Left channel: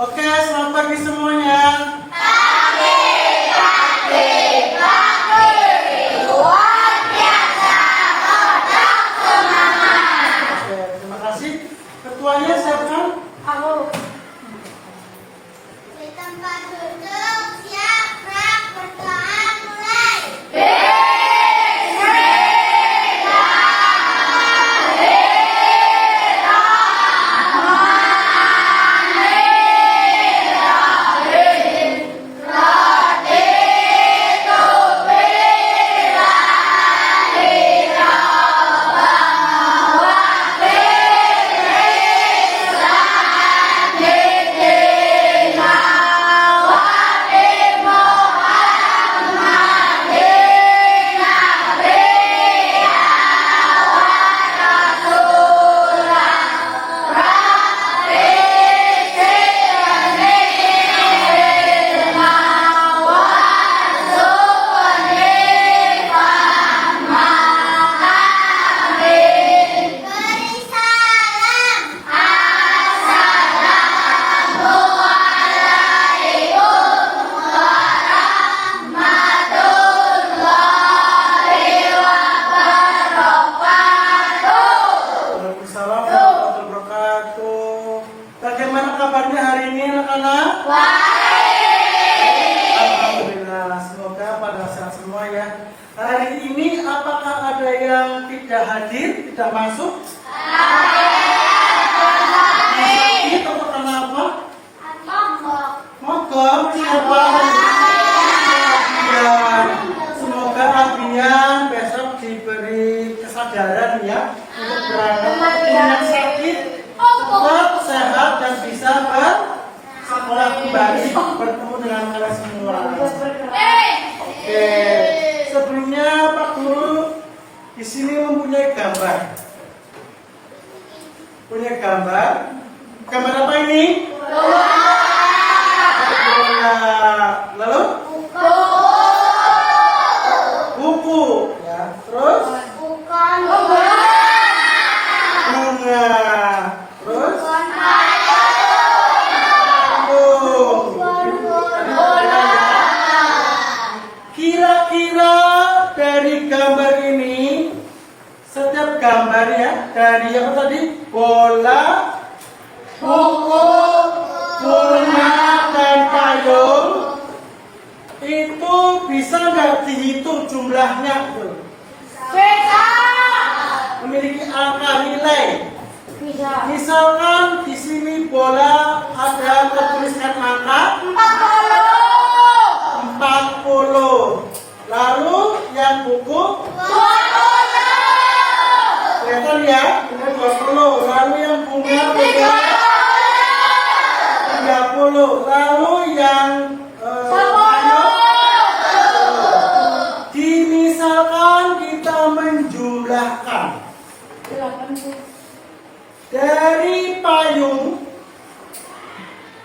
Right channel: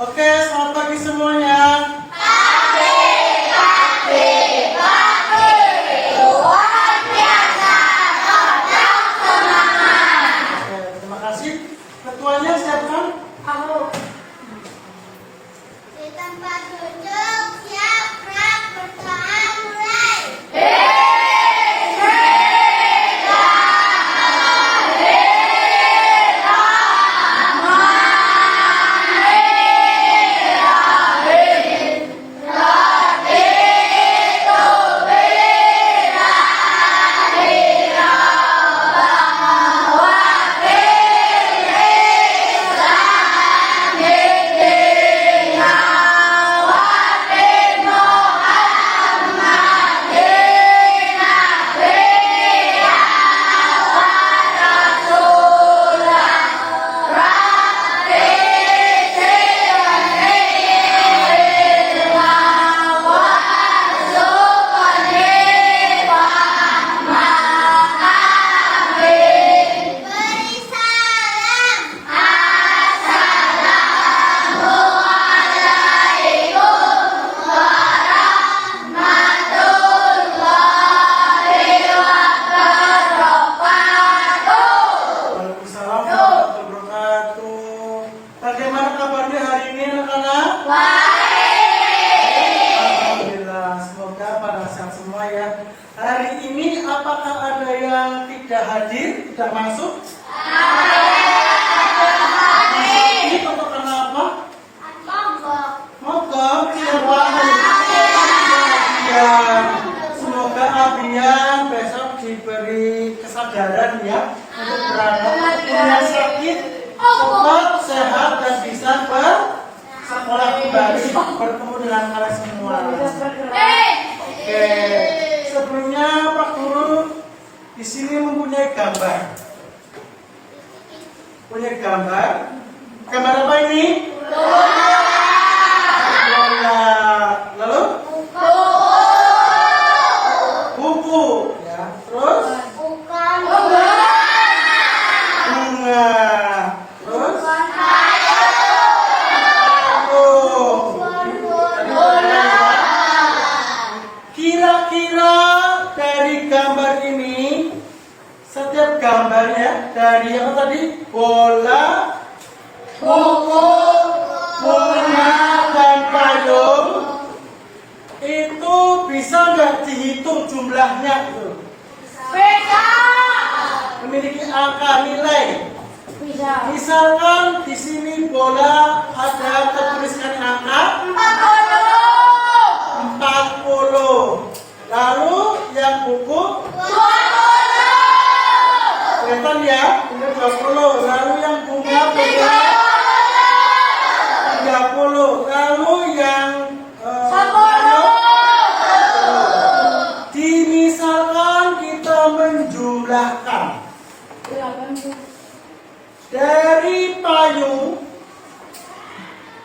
Oke, selamat pagi semuanya. Oke, terima kasih. Ketuanya siapa? Aku. Di tempat duduk siap gerak bertahan mulai. Beri salam. Waalaikumsalam warahmatullahi wabarakatuh. Bagaimana kabarnya hari ini, anak-anak? Alhamdulillah, semoga pada sehat semua ya. Hari ini apakah ada yang tidak hadir, tidak masuk? Sakit atau kenapa? Mogok. Mogok, siapa? Abian. Semoga Abian besok diberi kesadaran ya untuk berangkat. Yang sakit cepat sehat dan bisa bersekolah kembali bertemu dengan kalian semua. Oke, sebelumnya Pak Guru di sini mempunyai gambar. Punya gambar. Gambar apa ini? Bola. Lalu buku. Ya, terus bunga. Terus kira-kira dari gambar ini, setiap gambar ya, dari apa tadi? Bola, buku, bunga, dan payung, itu bisa nggak dihitung jumlahnya? Tuh? Memiliki angka nilai. Misalkan di sini bola ada tertuliskan angka 40. Lalu yang buku kelihatan ya, ini 20. Lalu yang bunga 30. Lalu yang dimisalkan kita menjumlahkan dari payung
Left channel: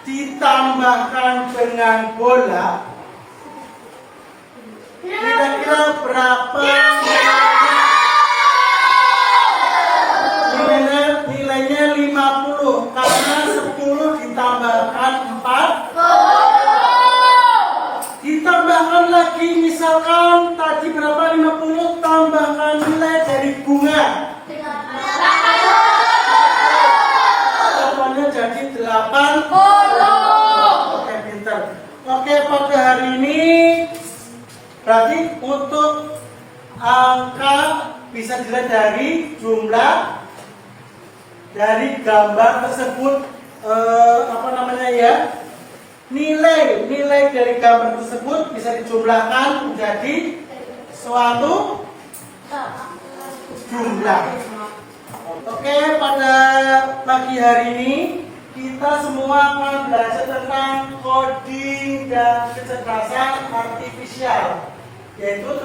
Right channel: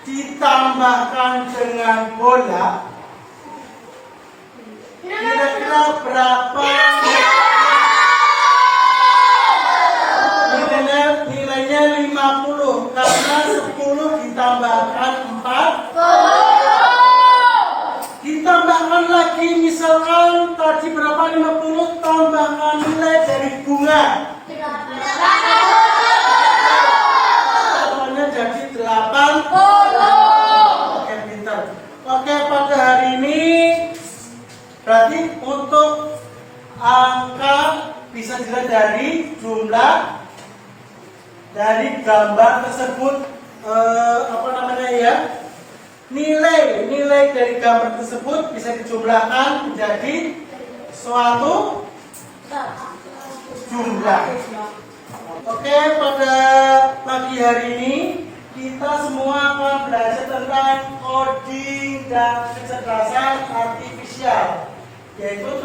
ditambahkan dengan bola, kira-kira berapa nilainya 50 karena 10 ditambahkan 4 ditambahkan lagi, misalkan tadi berapa, 50 tambahkan nilai dari bunga totalnya jadi 80. Oke, pintar. Oke, pada hari ini berarti untuk angka bisa dilihat dari jumlah dari gambar tersebut, apa namanya ya, nilai dari gambar tersebut bisa dijumlahkan menjadi suatu jumlah. Oke, pada pagi hari ini kita semua akan belajar tentang coding dan kecerdasan artifisial, yaitu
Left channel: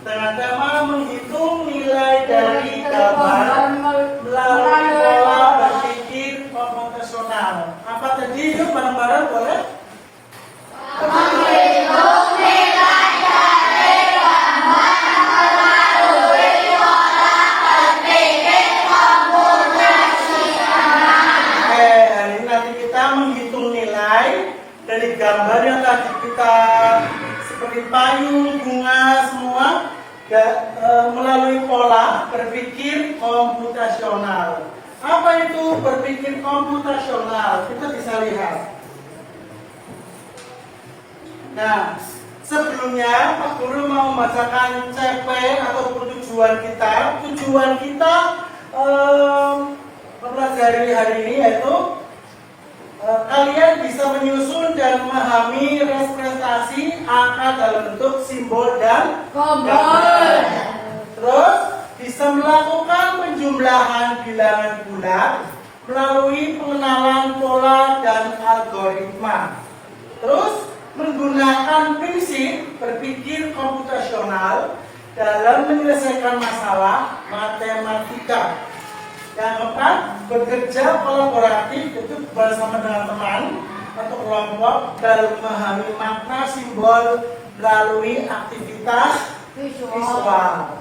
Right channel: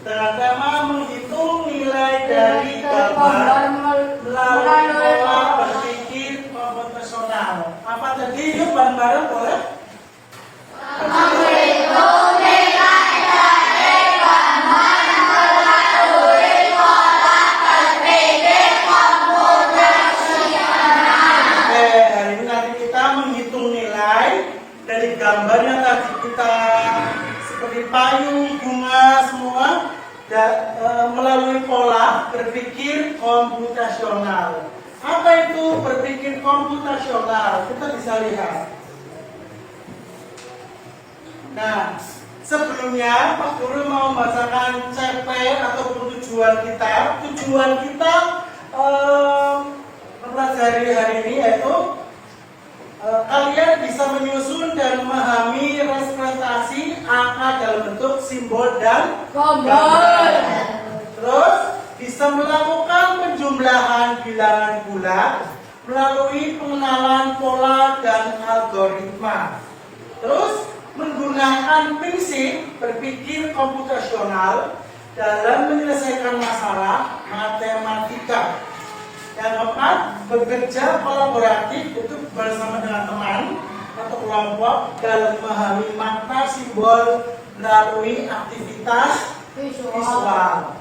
dengan tema menghitung nilai dari gambar melalui pola berpikir komputasional. Apa tadi? Yuk bareng-bareng boleh? Menghitung nilai dari gambar melalui pola berpikir komputasional. Hari ini nanti kita menghitung nilai dari gambar yang tadi kita seperti payung, bunga semua melalui pola berpikir komputasional. Apa itu berpikir komputasional? Kita bisa lihat. Nah, sebelumnya Pak Guru mau membacakan CP ataupun tujuan kita. Tujuan kita mempelajari hari ini yaitu kalian bisa menyusun dan memahami representasi angka dalam bentuk simbol dan gambar. Terus bisa melakukan penjumlahan bilangan bulat melalui pengenalan pola dan algoritma. Terus menggunakan prinsip berpikir komputasional dalam menyelesaikan masalah matematika. Yang keempat, bekerja kolaboratif itu bersama dengan teman atau kelompok dalam memahami makna simbol melalui aktivitas visual.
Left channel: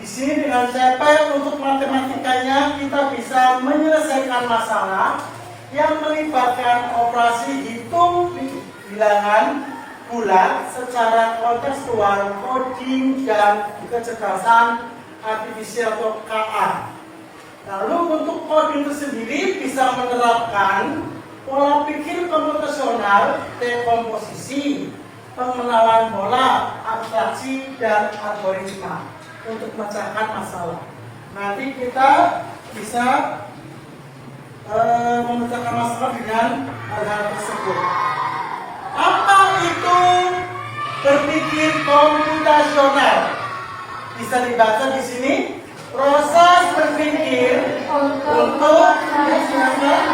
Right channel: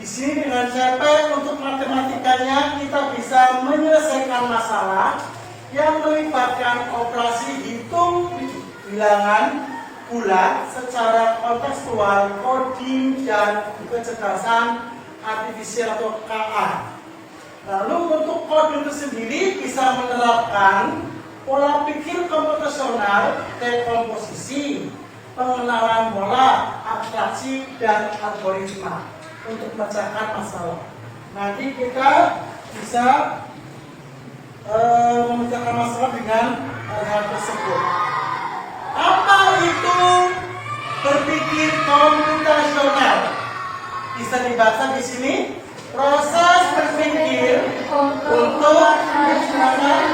Di sini dengan CP untuk matematikanya kita bisa menyelesaikan masalah yang melibatkan operasi hitung bilangan bulat secara kontekstual, coding dan kecerdasan artifisial atau KA. Lalu untuk coding itu sendiri bisa menerapkan pola pikir komputasional, dekomposisi, pengenalan pola, abstraksi, dan algoritma untuk memecahkan masalah. Nanti kita bisa memecahkan masalah dengan hal tersebut. Apa itu berpikir komputasional? Bisa dibaca di sini. Proses berpikir untuk menyelesaikan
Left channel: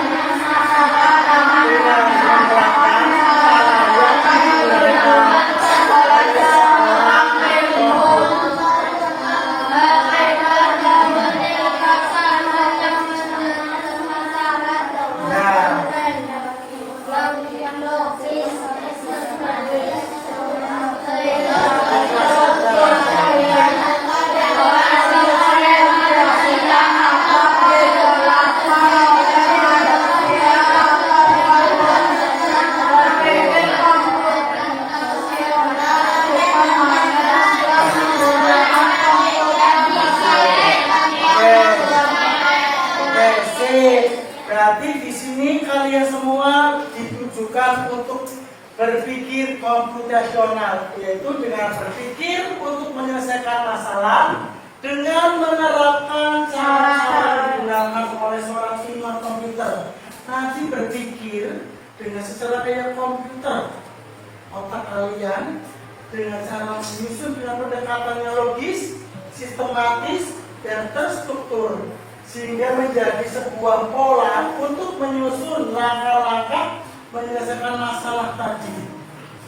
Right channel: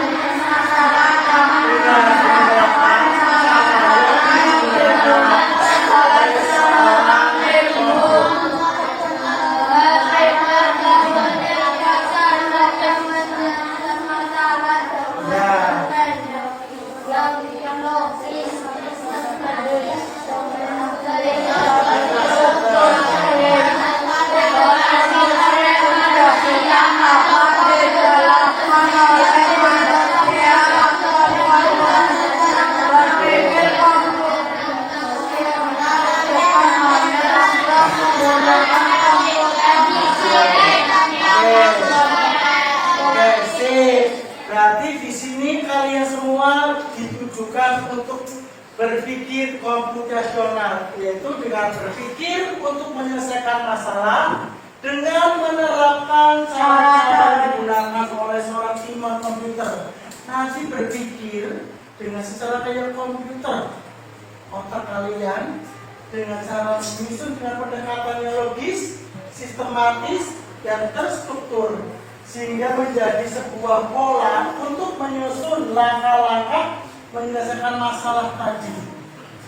berarti di sini kalian semua ditujukan untuk berpikir komputasional, yaitu dengan berpikir untuk menyelesaikan masalah dengan menerapkan cara-cara digunakan oleh seorang ilmuwan komputer. Nanti berpikir dengan secara kayak komputer, otak kalian dengan cara menyusun dengan pendekatannya logis, sistematis, dan terstruktur, sehingga menjadi sebuah pola untuk menyusun langkah-langkah menyelesaikan masalah tadi.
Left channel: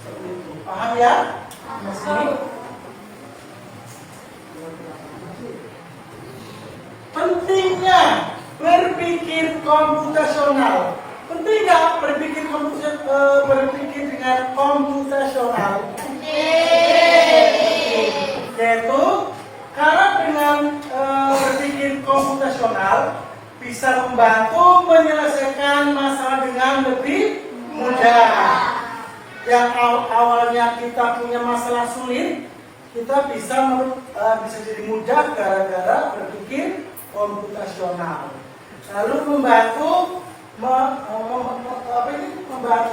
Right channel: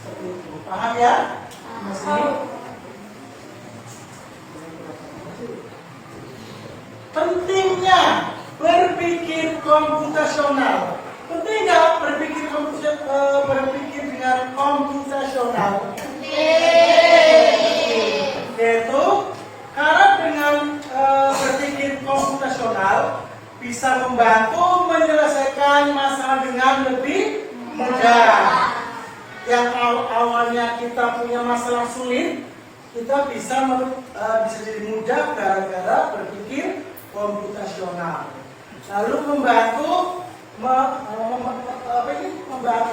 Seperti itu. Paham ya? Pentingnya berpikir komputasional. Penting nggak berpikir dengan komputasional? Yaitu karena dengan berpikir komputasional bisa membantu menyelesaikan masalah dengan lebih mudah. Yang awalnya kita punya masalah sulit, kita bisa jadi mudah gara-gara berpikir komputasional. Lalu membantu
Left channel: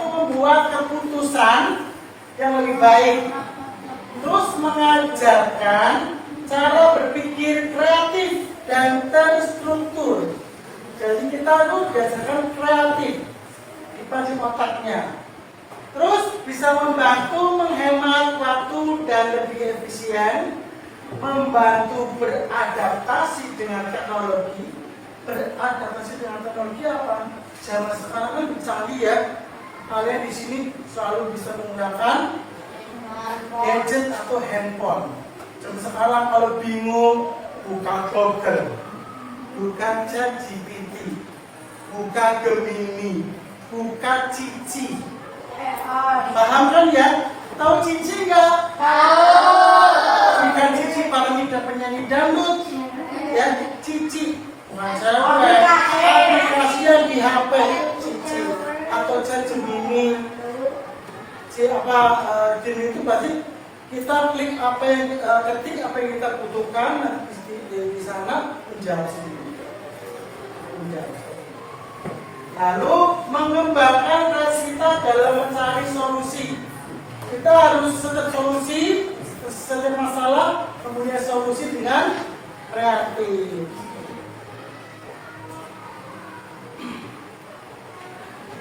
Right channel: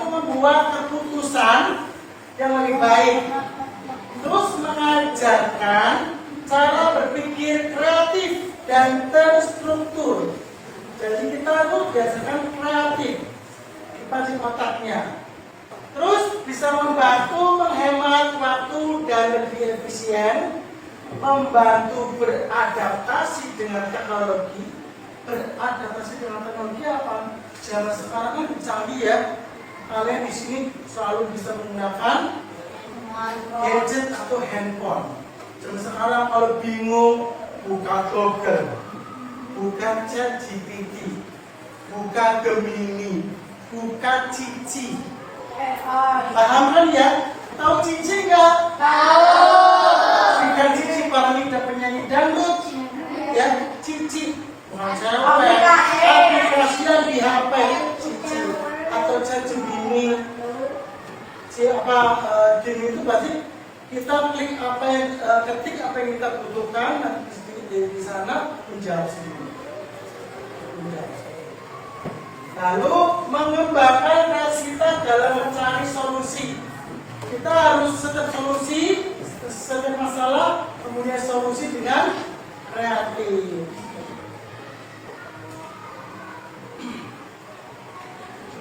membuat keputusan yang lebih baik. Terus mengajarkan cara berpikir kreatif dan terstruktur. Jadi kita tuh biasakan kreatif di pasif otaknya. Terus bisa membantu menghemat waktu dan lebih efisien, membantu beradaptasi dengan teknologi. Beradaptasi dengan teknologi apa? Zaman sekarang kan canggih ya. Kalian di sini selalu bisa menggunakan gadget atau handphone. Dan sekarang kalau bingung, buka Google, buka ChatGPT, buka Gemini, buka Cici. Paham kan ya? Tahu Cici nggak? Tahu. Bukan Cici Paramida penyanyi dangdut, ya Cici. Bukan cewek. Aplikasi yang di HP Cici atau ChatGPT. diri itu berarti kita klik apa yang ketik apa yang kita butuhkan, nah, di sana menjawab sendiri. Lalu mengembangkan reaksi kita dalam mencari solusi. Kita harus setiap masalah mempunyai solusi dengan kreatif.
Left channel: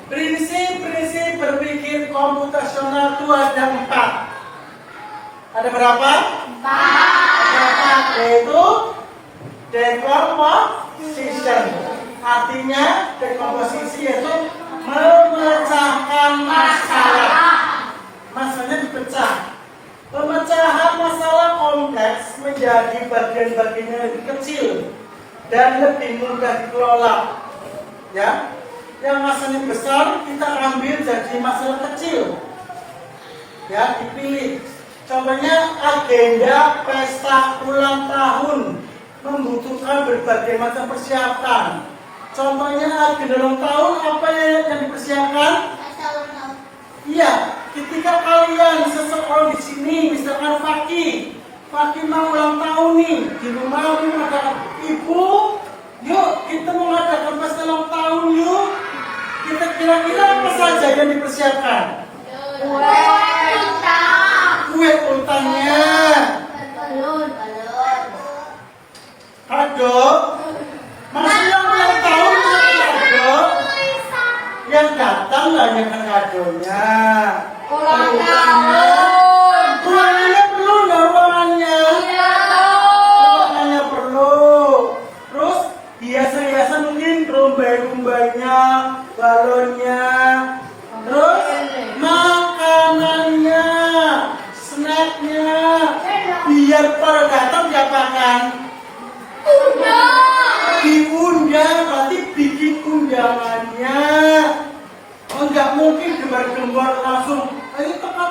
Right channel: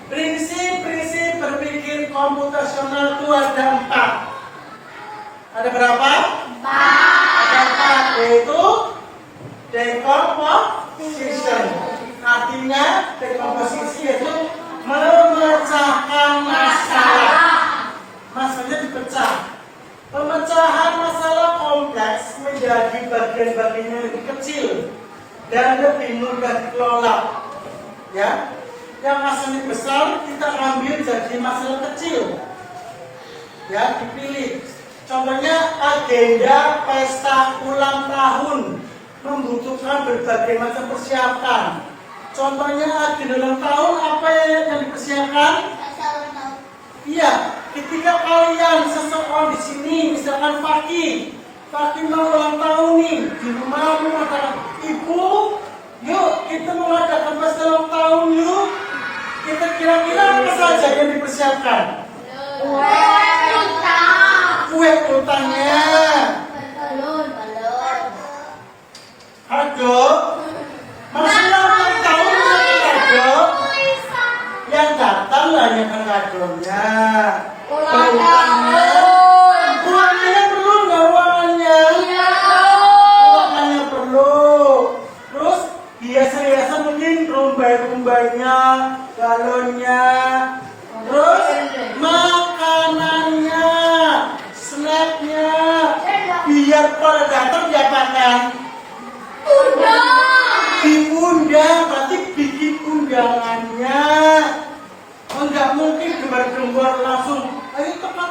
Prinsip-prinsip berpikir komputasional itu ada 4. Ada berapa? 4. Ada 4, yaitu decomposition. Artinya decomposisi yaitu memecahkan masalah. Masalahnya dipecah. Pemecahan masalah kompleks menjadi bagian-bagian yang lebih kecil dan lebih mudah dikelola. Ya, yang masalahnya besar kita ambil jadi masalah kecil. Ya, dipilih. Contohnya agenda pesta ulang tahun membutuhkan berbagai macam persiapan. Contohnya agenda ulang tahun apa yang dipersiapkan? Iya, ketika kalian seseorang di sini, misalkan Fakih mau ulang tahun nih di rumah, mengatakan, Ibu, yuk kita mengadakan pesta ulang tahun yuk. Kita kira-kira apa saja yang dipersiapkan? Kue ultahnya, kado, maksudnya ulang tahun kado, yang datang lah yang kadonya. Uangnya perlu nggak uangnya? Uangnya perlu. Terus hiasan-hiasan mungkin rumbai-rumbainya, balonnya. Terus makanannya, snacknya. Biar pada datang diapakan? Diundang, berarti bikin undangannya. Enggak mungkin gembar-gembar langsung, ayo teka,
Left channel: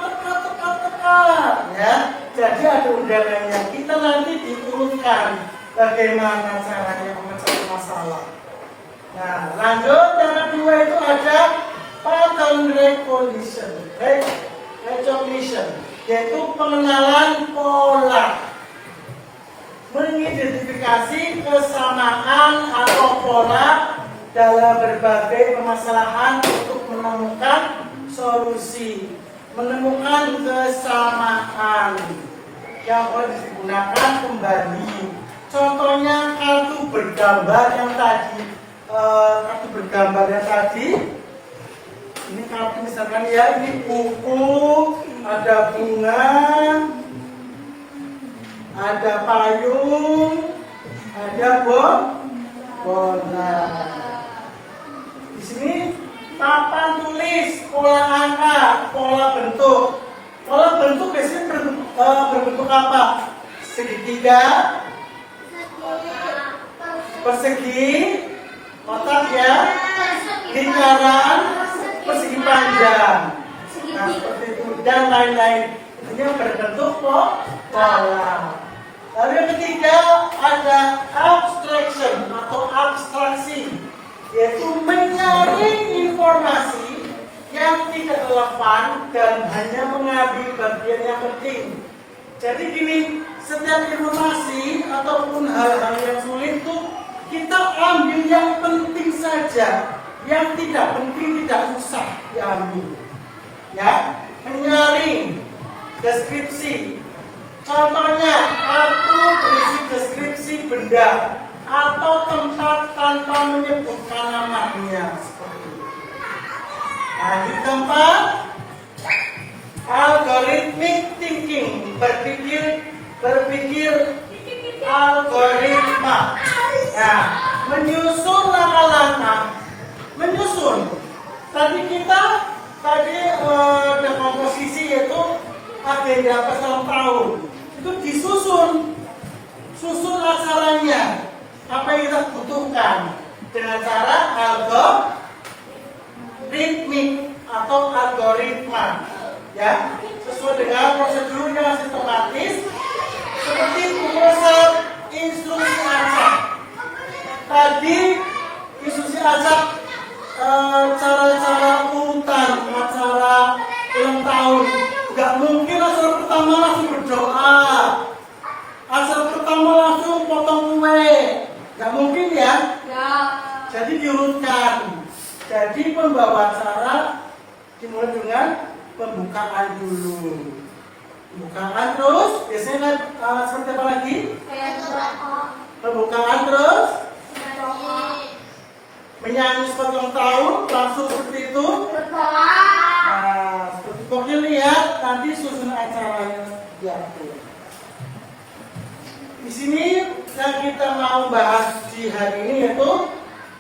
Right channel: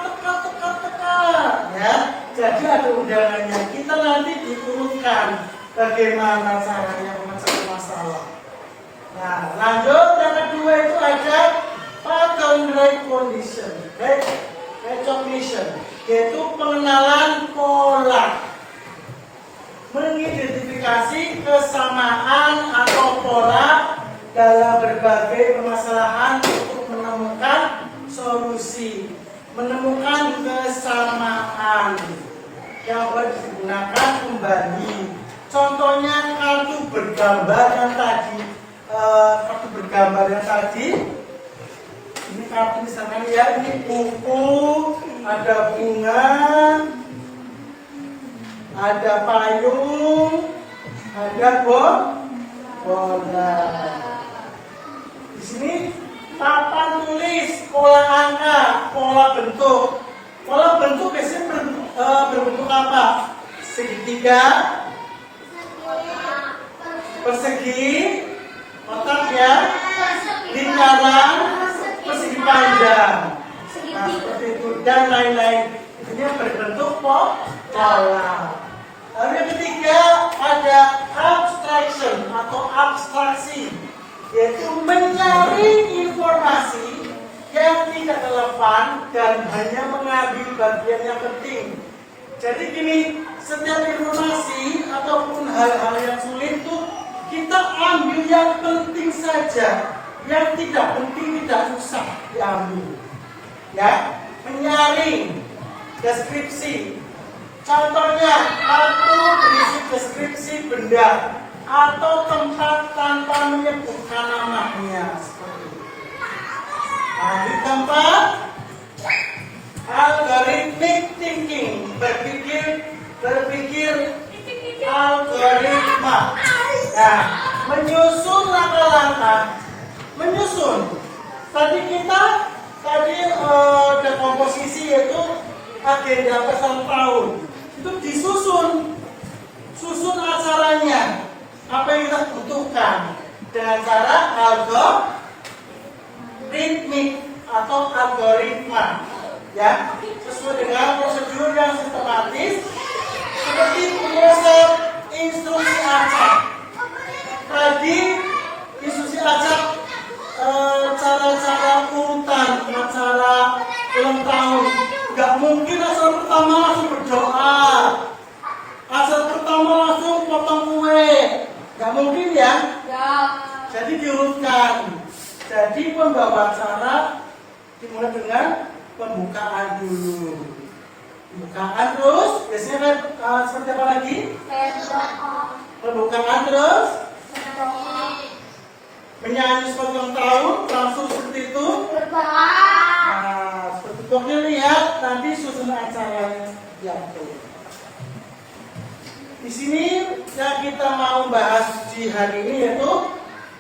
ya. Jadi ada undangannya. Kita nanti diurutkan bagaimana caranya memecahkan masalah. Nah, lanjut yang kedua itu ada pattern recognition, yaitu pengenalan pola. Mengidentifikasi kesamaan atau pola dalam berbagai permasalahan untuk menemukan solusi, menemukan kesamaan yang boleh digunakan kembali. Contohnya kartu bergambar yang tadi, ini kartu misalkan ya, ini buku, ada bunga, ada payung, ada bola. Di sini papan tulis, pola angka, pola bentuk. Pola bentuk biasanya berbentuk apa? Segitiga, persegi, kotak ya, lingkaran, persegi panjang. Nah, seperti itu dan lain-lain. Ini berbentuk pola. Lalu yang ketiga ada abstraction atau abstraksi, yaitu menyaring informasi yang tidak relevan dan hanya mengambil bagian yang penting. Jadi gini, setiap informasi ataupun hal-hal yang sulit itu kita ambil yang penting saja, yang tidak penting tidak usah diambil. Ya, menyaring. Deskripsi. Contohnya, kartu berisi deskripsi benda atau tempat tanpa menyebutkan namanya. Seperti itu. Nah, yang keempat, algorithmic thinking, berpikir algoritma. Nah, menyusun langkah-langkah. Tadi komposisi yaitu agenda pesta ulang tahun. Itu susun acaranya, apa yang kita butuhkan dengan cara algoritmik atau algoritma, ya, sesuai dengan prosedur yang sistematis seperti proses instruksi acak. Tadi instruksi acak cara-cara urutan acara ulang ulang tahun. Gak mungkin asal pertama langsung berdoa, asal pertama langsung potong kue. Gak mungkin ya. Jadi diurutkan. Jadi pembawa acara dimulai dengan pembukaan dulu. Pembukaan terus, biasanya seperti apa lagi? Pembukaan terus, menyanyi sepanjang tahun, langsung seperti itu. Nah, seperti pokoknya lihat nanti susunan acaranya diatur. Di sini yang kita mau bahas di hari ini yaitu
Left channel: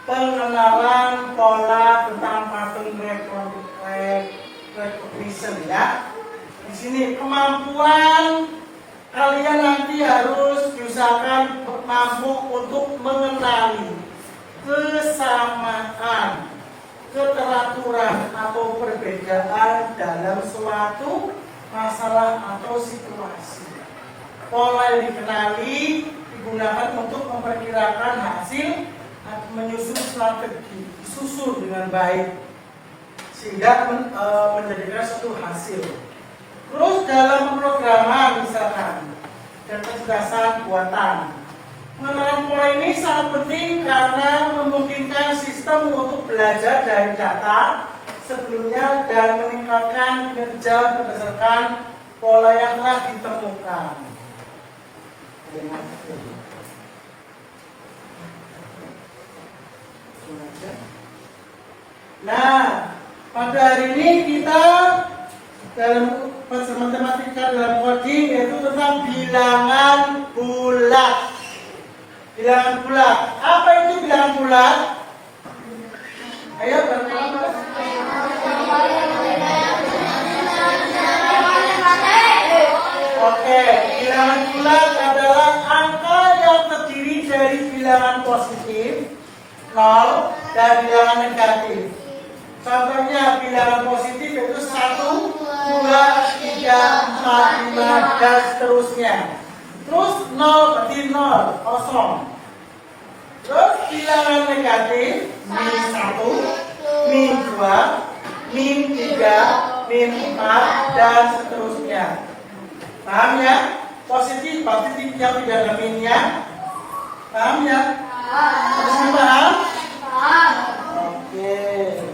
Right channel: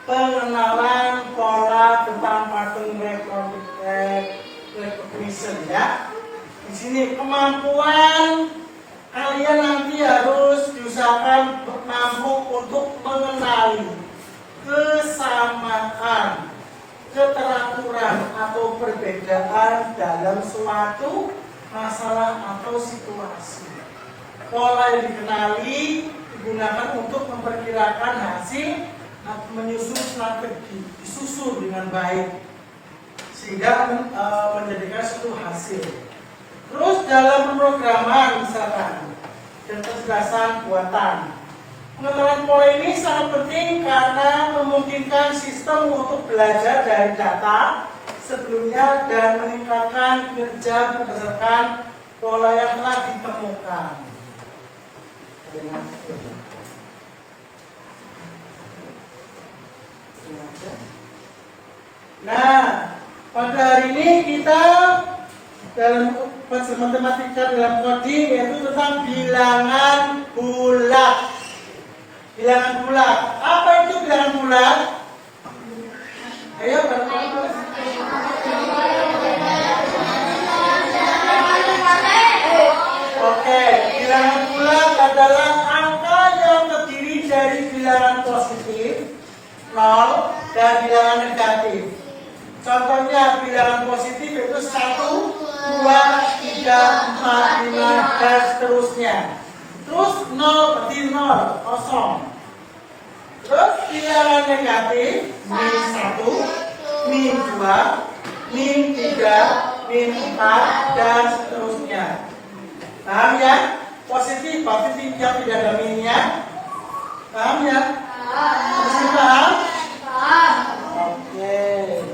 pengenalan pola tentang pattern recognition ya. Di sini kemampuan kalian nanti harus diusahakan mampu untuk mengenali kesamaan, keteraturan atau perbedaan dalam suatu masalah atau situasi. Pola yang dikenali digunakan untuk memperkirakan hasil atau menyusun strategi, disusun dengan baik sehingga menjadikan suatu hasil. Terus dalam pemrograman misalkan dan kecerdasan buatan, pengenalan pola ini sangat penting karena memungkinkan sistem untuk belajar dari data sebelumnya dan meningkatkan kinerja berdasarkan pola yang telah ditemukan. Nah, pada hari ini kita dalam matematika dalam coding yaitu tentang bilangan bulat. Bilangan bulat. Apa itu bilangan bulat? Ayo berapa? Oke, bilangan bulat adalah angka yang terdiri dari bilangan positif 0 dan bilangan negatif. Contohnya bilangan positif yaitu 1, 2, 3, 4, 5 dan seterusnya. Terus 0 berarti 0, kosong. Terus bilangan negatif min 1, min 2, min 3, min 4 dan seterusnya. Paham ya? Positif yang tidak ada minnya. Paham ya? Paham? Oke.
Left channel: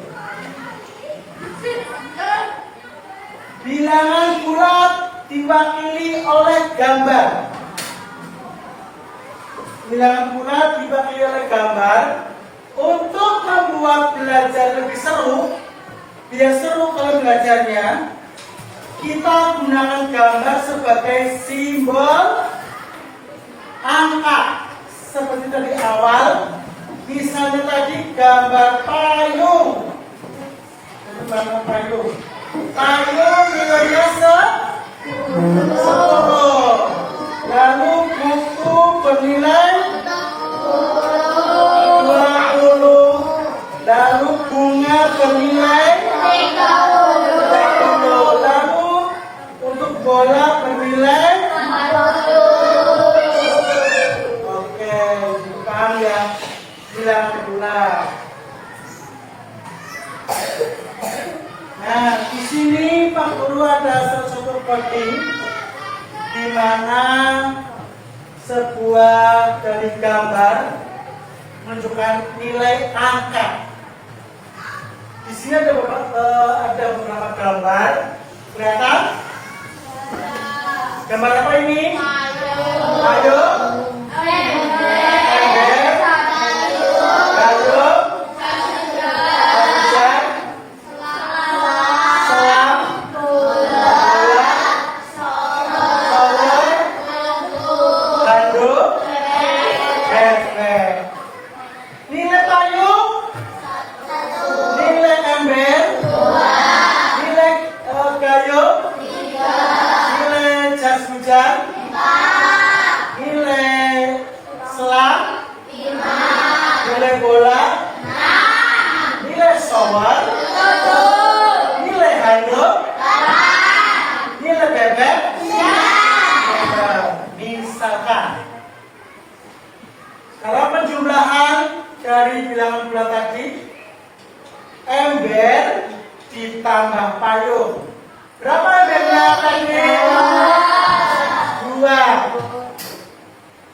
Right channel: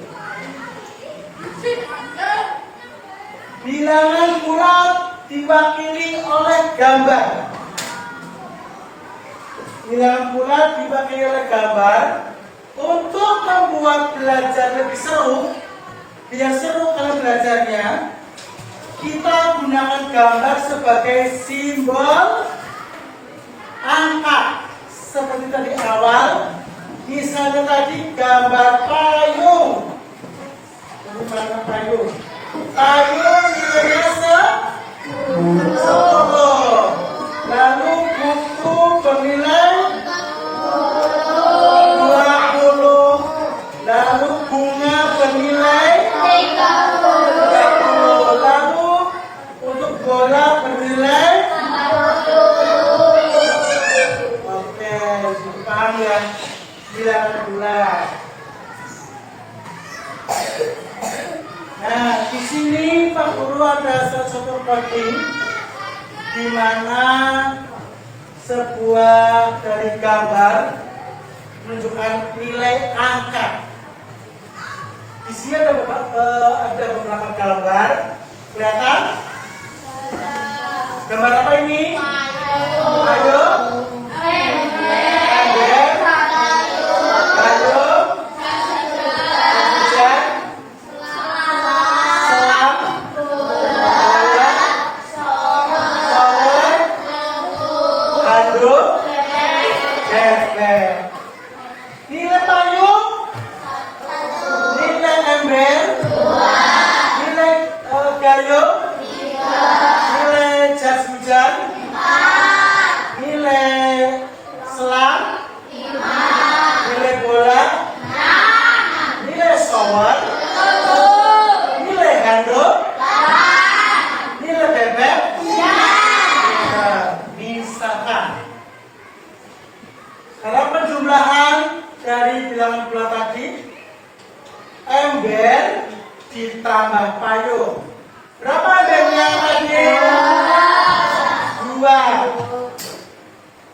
Bilangan bulat diwakili oleh gambar. Bilangan bulat diwakili oleh gambar. Untuk membuat belajar lebih seru, biar seru kalau belajarnya, kita gunakan gambar sebagai simbol angka. Seperti tadi awal, misalnya tadi gambar payung. Ini gambar payung. Payung nilainya 10. Lalu buku bernilai 20. Lalu bunga bernilai 30. Lalu untuk bola bernilai 60. Oke, paham ya? Bilangan bulat. Nah, di sini Pak Guru ada suatu coding di mana sebuah dari gambar menunjukkan nilai angka. Di sini ada beberapa gambar. Kelihatan? Gambar apa ini? Ayo. Nilai payung, nilai ember, nilai gayung, nilai jas hujan, nilai selang, nilai bola, nilai shower, nilai handuk, nilai bebek. Misalkan kalau penjumlahan dari bilangan bulat tadi, ember ditambah payung Berapa embernya tadi? 2.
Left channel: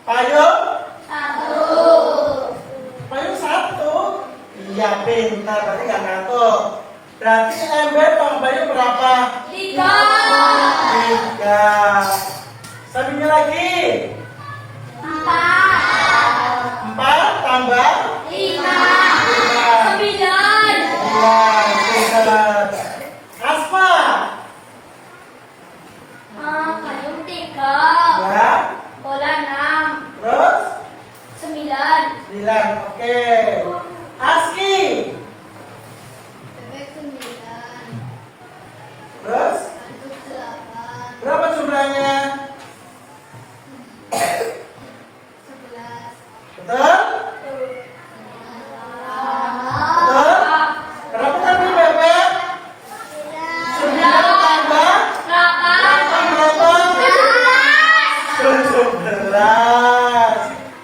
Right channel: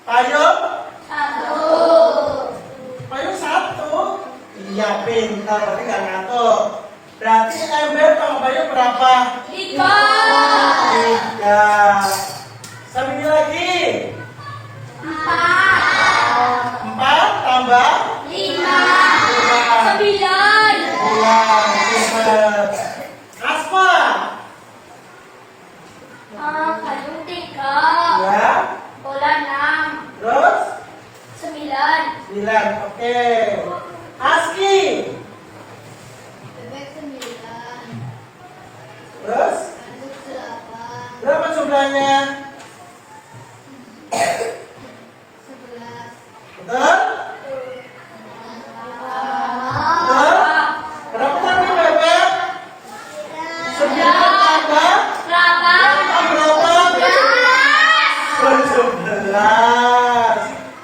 Payung? 1. Payung 1. Iya, pintar. Berarti nggak ngantuk. Berarti ember tambahnya berapa? 3. 3. Sambil lagi. 4. 4 tambah 5. 5. 9. 9. Asma. Payung 3. Ya. Bola 6. Terus 9. 9. Oke. Aski. Bebek 9. Terus Anduk 8. berapa jumlahnya? 11. Betul? Betul? Berapa tadi bebek? 9 tambah 8 berapa? 17.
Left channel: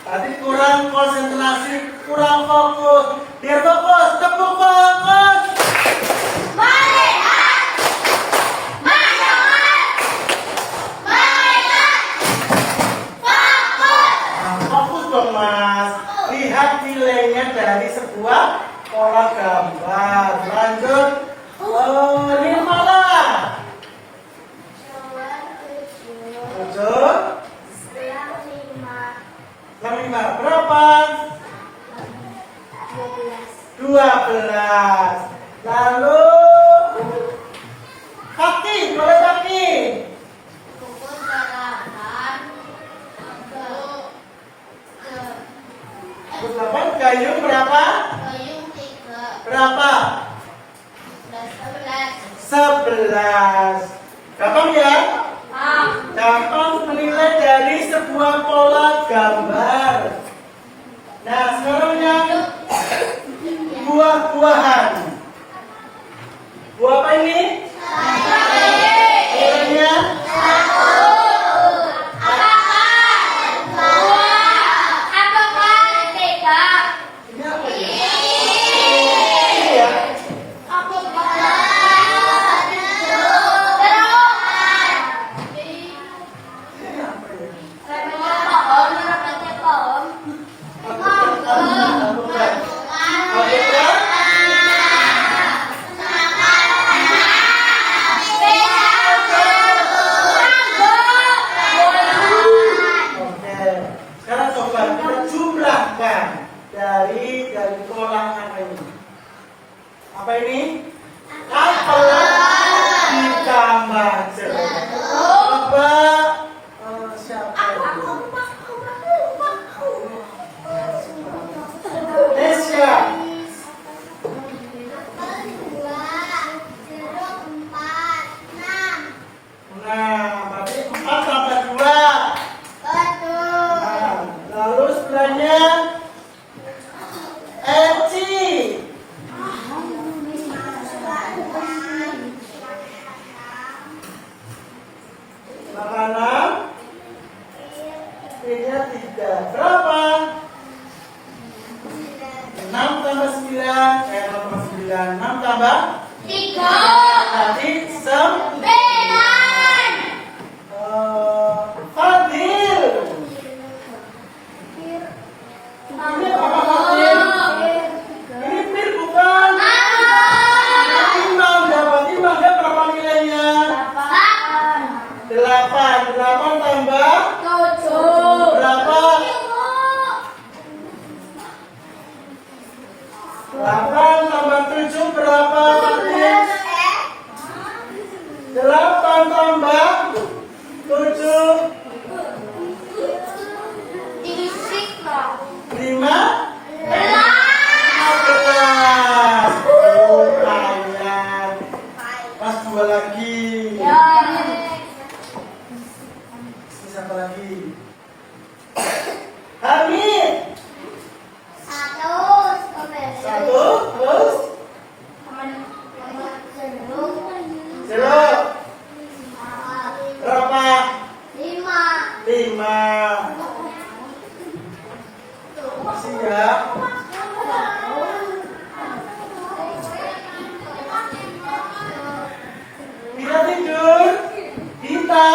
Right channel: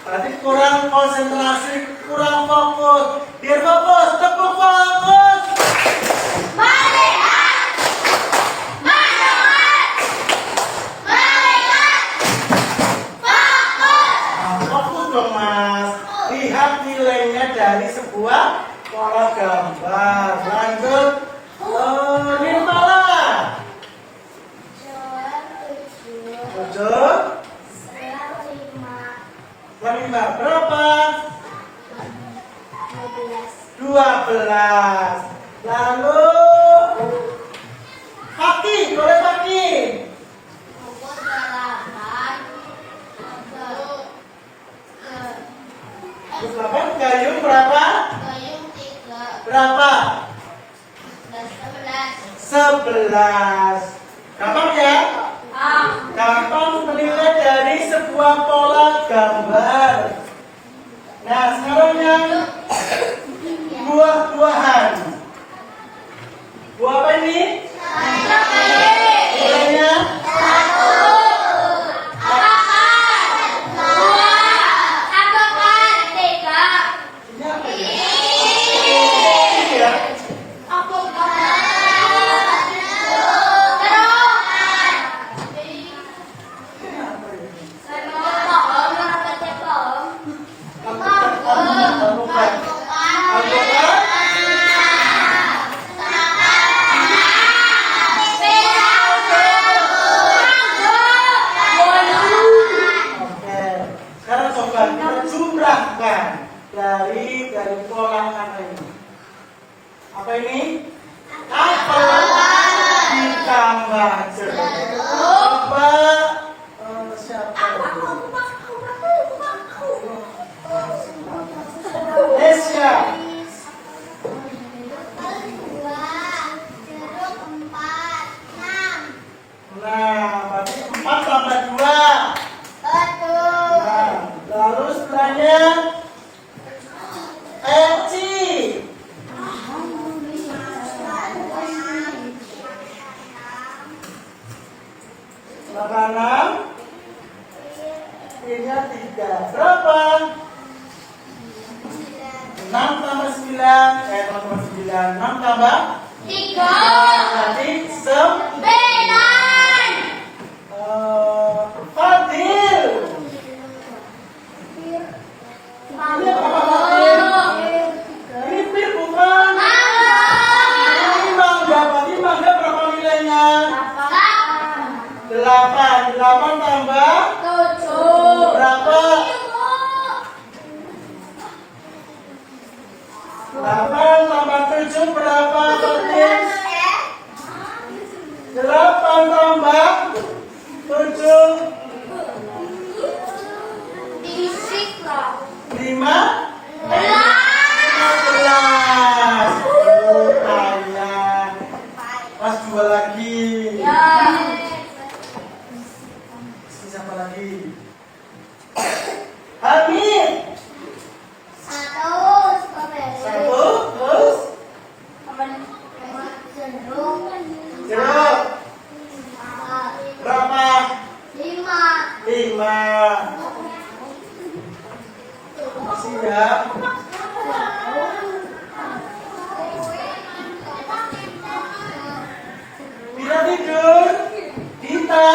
Tadi kurang konsentrasi, kurang fokus. Biar fokus, tepuk fokus. Fokus dong mas. Lihat nilainya dari sebuah pola gambar. Lanjut. Nirmala. 7. 5. Berapa? 12. Lalu kaki, boleh kaki. 8 gayung berapa? Berapa? 11. Gampang ya? Gampang menilai dari sebuah pola gambar. Nah, sekarang yang buah-buahan. Buah apa ini? Nilainya? Ini apa ya? Ini ya? Ini apa ya? Alpukat. Oke. Sekarang coba kita jumlahkan dari pola ini. Apa ini? Apel ditambah jeruk. Coba siapa itu? Nesya. Nah, berarti 4 tambah 2. Nah, lalu sebelahnya Eci. Makanan P-nya 3. Berapa? 6 tambah 9. 6 tambah nanti Fadil. Ini apa Fadil? Ini pil bukan? Ini mangga. Berarti mangga berapa nilainya? 8. 8 tambah berapa? 8 tambah 7 berapa Fadil? 8 tambah 7 5 15. Oh, tanya. Pas 2 lagi. Siapa lagi? Hamid. 1 terus jeruk berapa? 5. Siap. Bila tidur. Dita.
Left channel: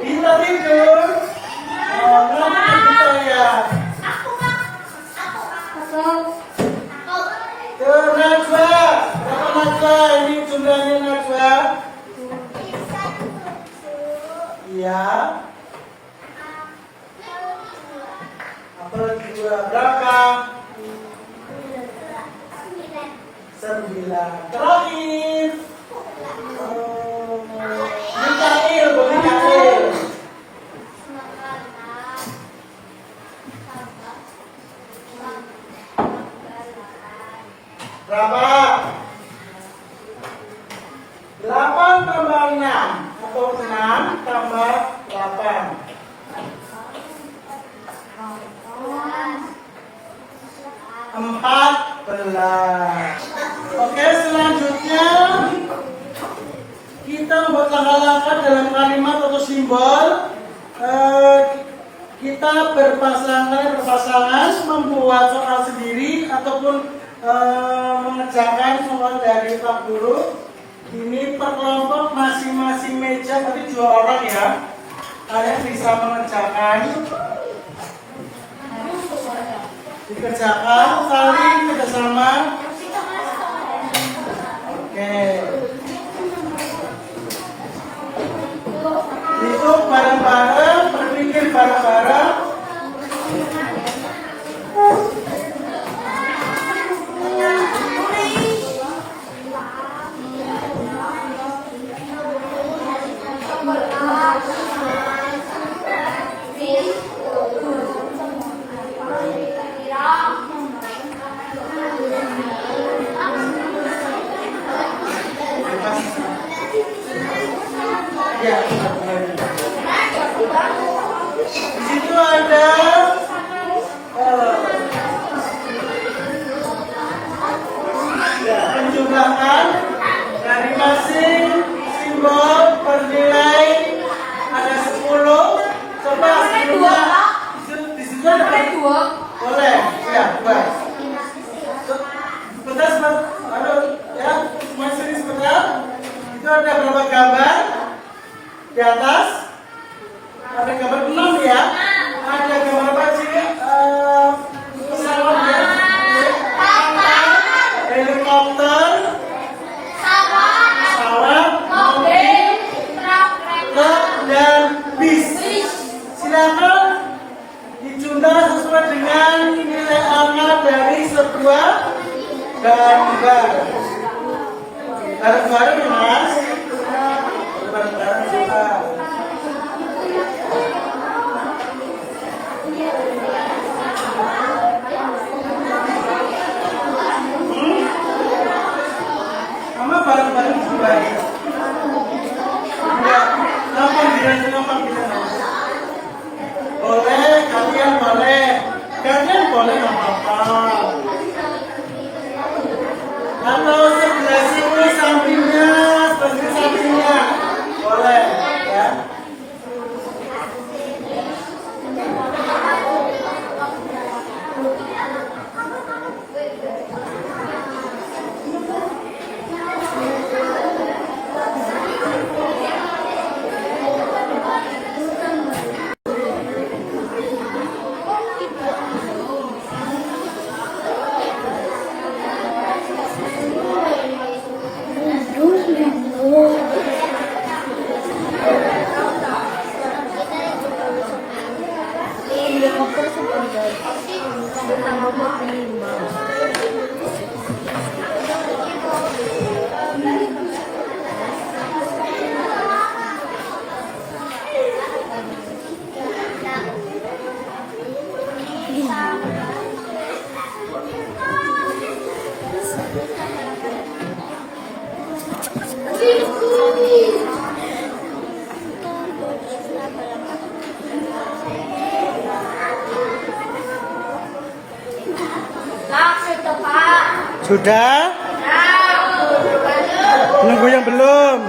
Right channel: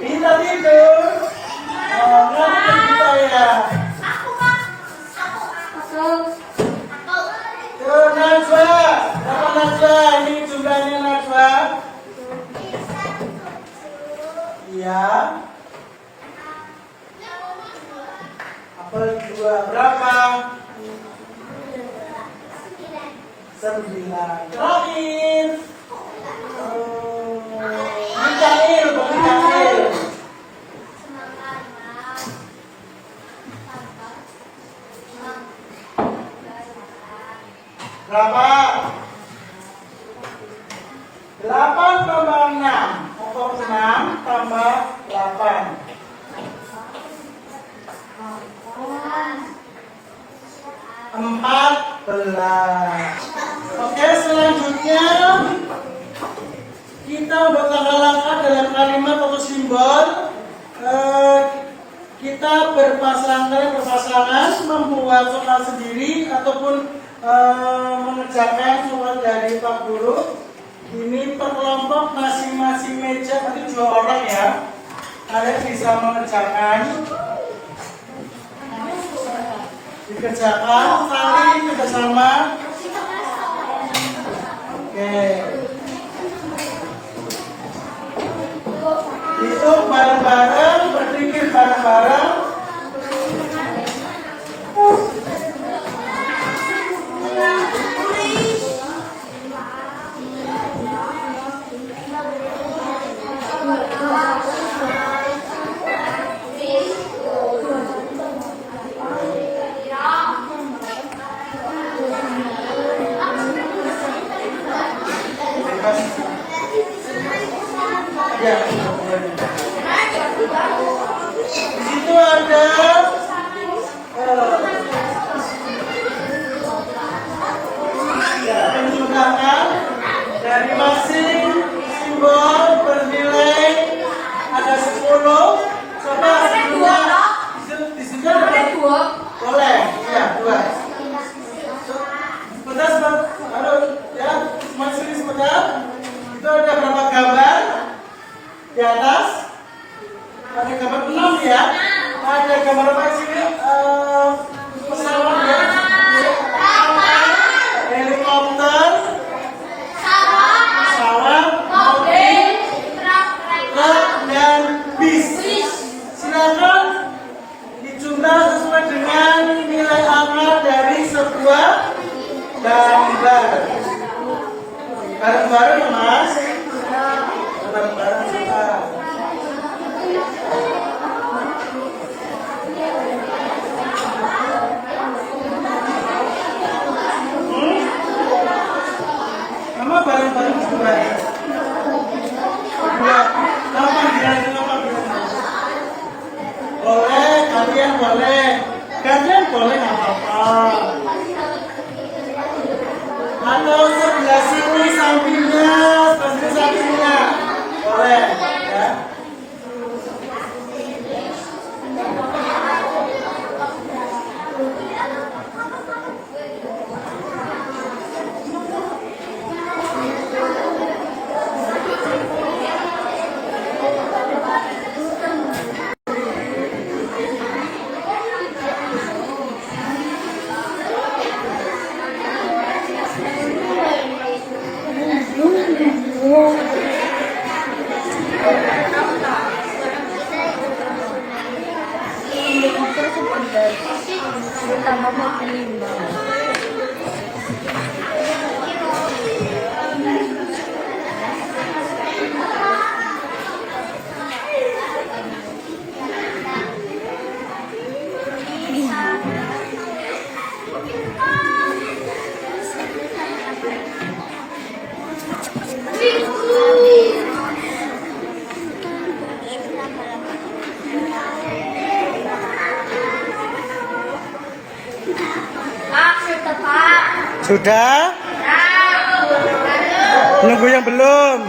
Dita tidur. Oh, kenapa Dita ya? Aku, Pak. Aku. Ke Najwa. Berapa Najwa? Ini jumlahnya Najwa. Iya. Apel 2 berapa? 9. Terakhir. Mikail, Mikail. Berapa? 8 tambah 6 atau 6 tambah 8. 14. Oke, selanjutnya kita buat langkah-langkah dalam kalimat atau simbol. Kita berpasangan membuat soal sendiri ataupun mengerjakan soal dari Pak Guru. Ini per kelompok masing-masing meja, nanti 2 orang ya. Kalian bisa mengerjakan. Dikerjakan saling bersama. Oke. Hitung bareng-bareng, berpikir bareng-bareng. Ya, di situ ada penjumlahan dari masing simbol bernilai ada 10. Coba di situ ada 2. Boleh, ya 2. Sebentar, halo, ya, masih sini sebentar. Itu ada berapa gambar? Di atas ada gambar 6 ya. Ada gambar apa sih? Pesawat ya. Helikopter, pesawat, mobil, truk dan bis. Silakan dijumlah sesuai dengan nilai angka dari sebuah gambar. Bareng-bareng ya Mas. Bareng-bareng kita. Mama bareng-bareng juga ya. Kapan boleh, kalian boleh. Kalian boleh nggak apa-apa. Halo, sebelah sini sampingnya, sebelah sampingnya. Boleh, ya. Sudah? Nunggu yang belum?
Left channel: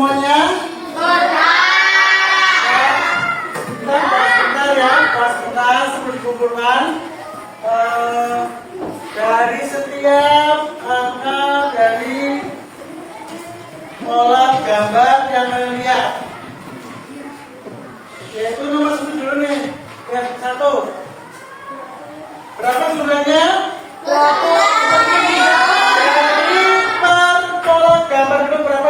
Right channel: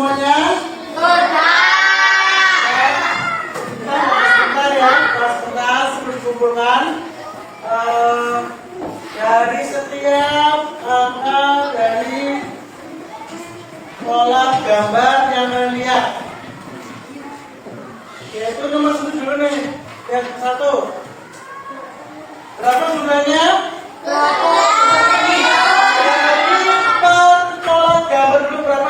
semuanya? Sebentar ya, sebentar berkumpulkan dari setiap angka dari pola gambar yang kalian lihat. Yaitu nomor 1 dulu nih, yang 1. Berapa jumlahnya? Dari per pola gambar itu berapa?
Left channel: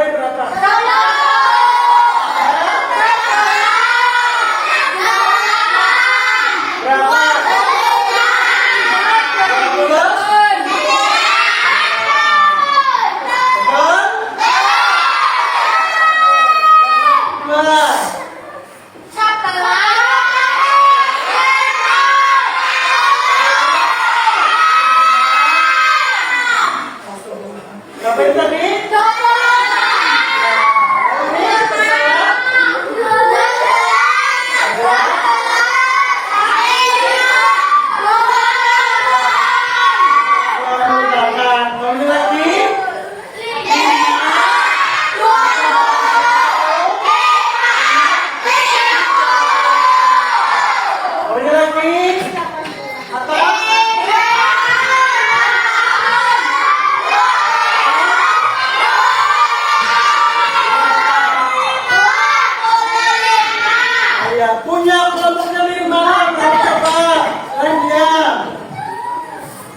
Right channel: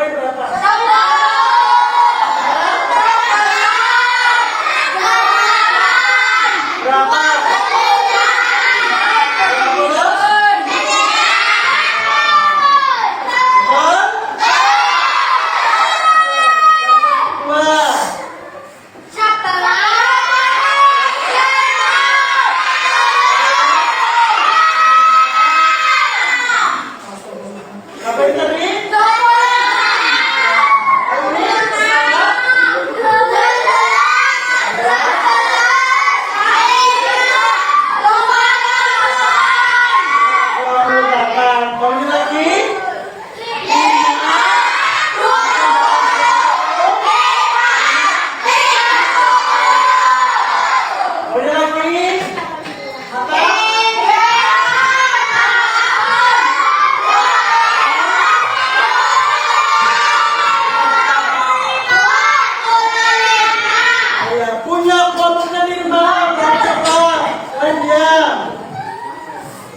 Punya kelompoknya di mana? Coba kalian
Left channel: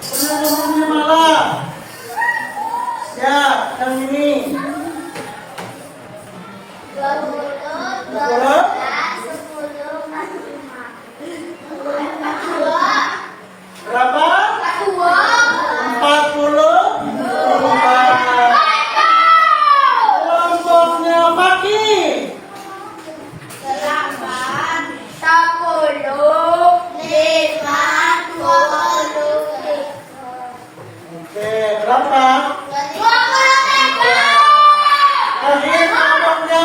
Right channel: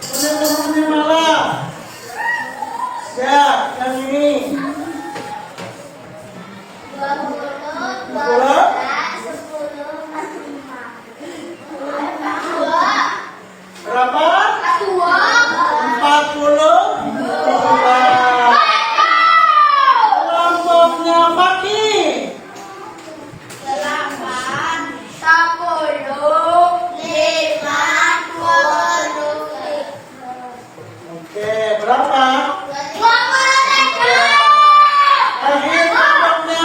punya kelompoknya malah. Siap, yang ini. Berapa? 42. Kelompoknya Faki. Oke, berapa? Tadi kelompoknya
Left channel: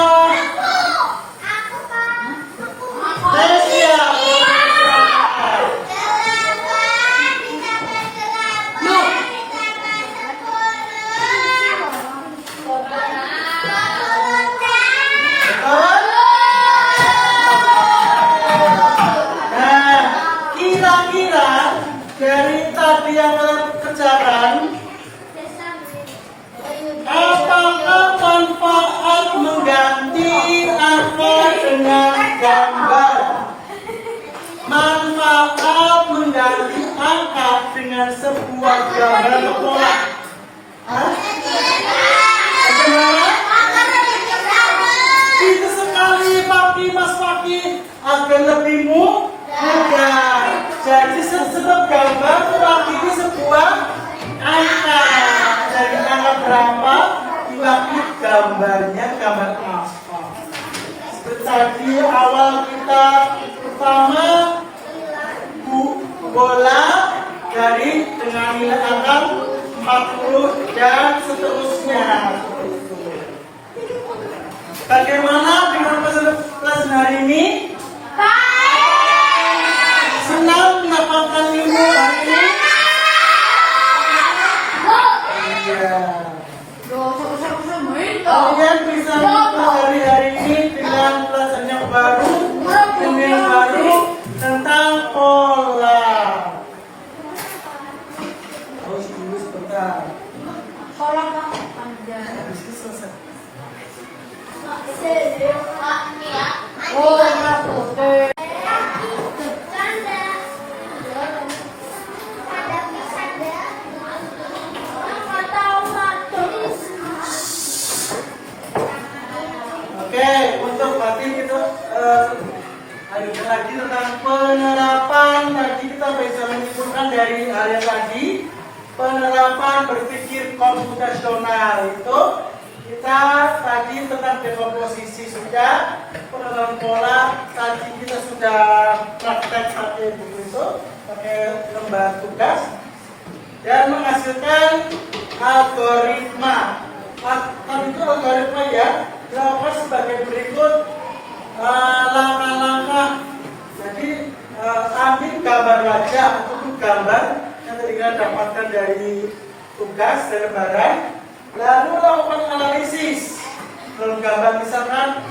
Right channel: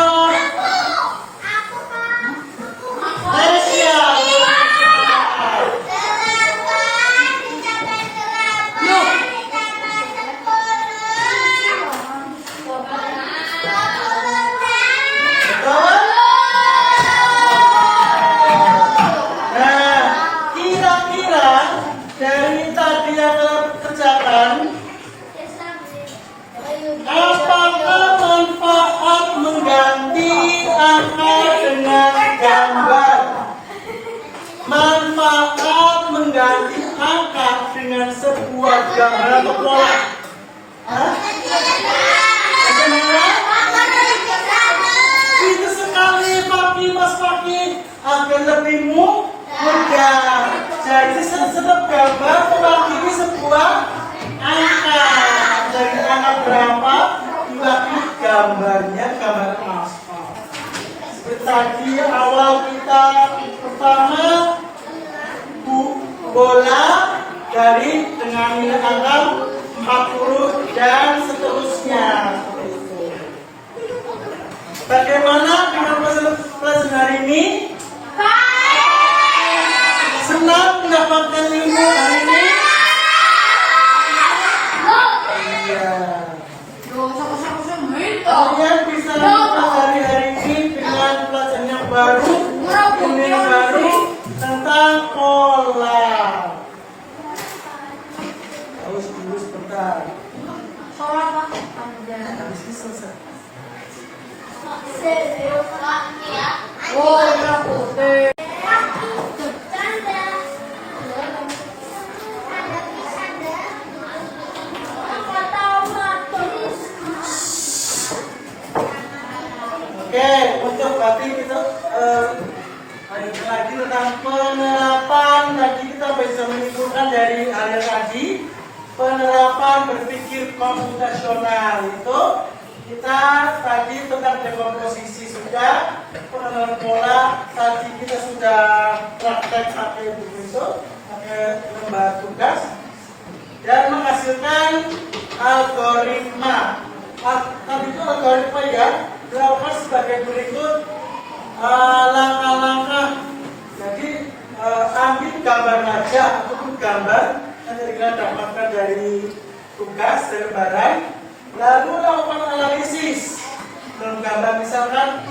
Malaysia. Nah, kira-kira dari tadi yang terkerjakan, apakah manfaat mengganti angka dengan gambar? Manfaat mengganti angka dengan sebuah gambar atau pola? Hah? Bagaimana? Itu sekali Faki, Mas Faki, agar lebih mudah. Jadi setiap gambar Faki ini sebuah angka. Dari angka berapa? Faki gambarnya gambar aspal. Seperti tadi awal kita pertama bola dari dengan nilai angka 40 dan seterusnya. Bagaimana dengan pelajaran hari ini? Senang mendapatkan ilmu hari ini? Iya. Kalian bisa mempelajari hari ini dengan pelajaran yang baru, ilmu yang baru tentang pola. Harus dulu sebentar. Habis ini selesai. Oke, untuk tadi itu ada lagi tentang penerapan. Tadi kita bisa menyimpulkan dari hal yang tadi, penerapan berpikir komputasional itu kita tadi tentang dekomposisi sudah, penerapan pola tadi kita sudah praktek pakai buku itu, pakai lembar tugas dan menghasilkan algoritma. Tadi itu algoritma ya, berapa sebagai berikut langkah-langkah. Jadi ambil gambar wajah ataupun gambar yang tadi kita dapatkan dari tugas dan lembaran, lalu lakukan analisis. Gambar misalkan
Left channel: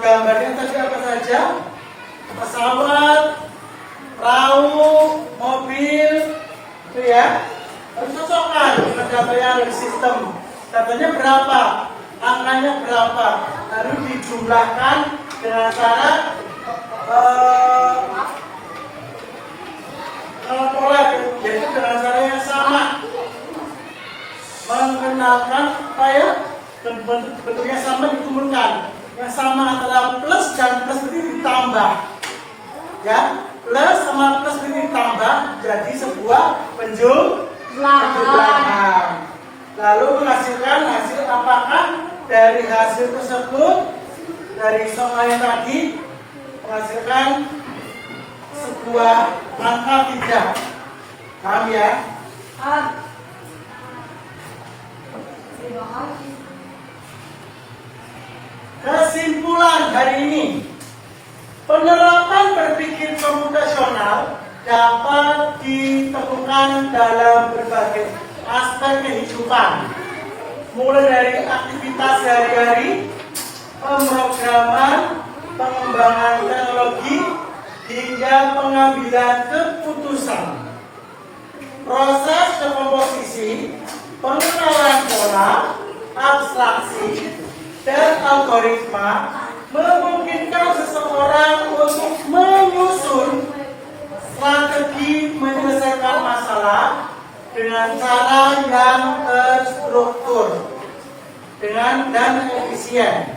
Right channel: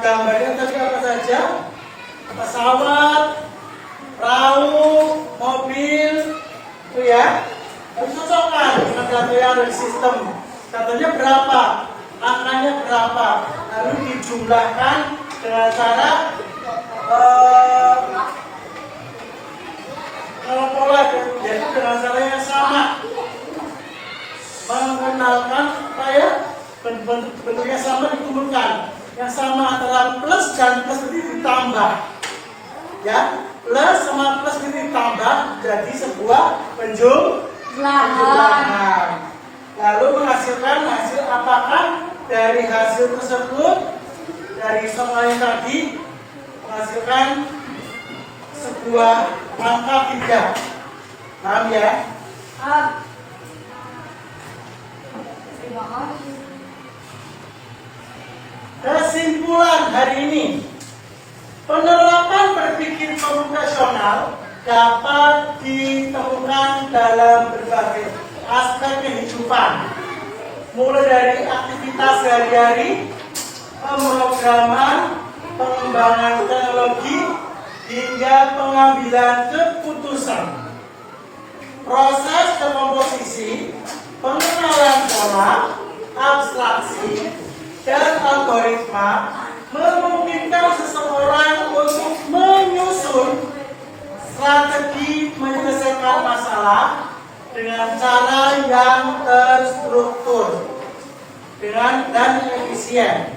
gambarnya tadi apa saja? Pesawat, perahu, mobil, itu ya. Harus cocokkan dengan data yang ada di sistem. Datanya berapa? Angkanya berapa? Lalu dijumlahkan dengan cara pola, yaitu dengan cara yang sama, menggunakan apa ya, bentuknya sama dikumpulkan, yang sama antara plus dan plus ini ditambah, ya, plus sama plus ini ditambah jadi sebuah penjumlahan, lalu menghasilkan hasil. Apakah dari hasil tersebut, dari soal yang tadi menghasilkan sebuah angka tidak? Paham ya? Terima kasih. Kesimpulan hari ini, penerapan berpikir komputasional dapat ditemukan dalam berbagai aspek kehidupan, mulai dari aktivitas sehari-hari, pemrograman, pengembangan teknologi, hingga pengambilan keputusan. Proses dekomposisi, pengenalan pola, abstraksi, dan algoritma memungkinkan seseorang untuk menyusun strategi menyelesaikan masalah dengan cara yang terstruktur dan efisien.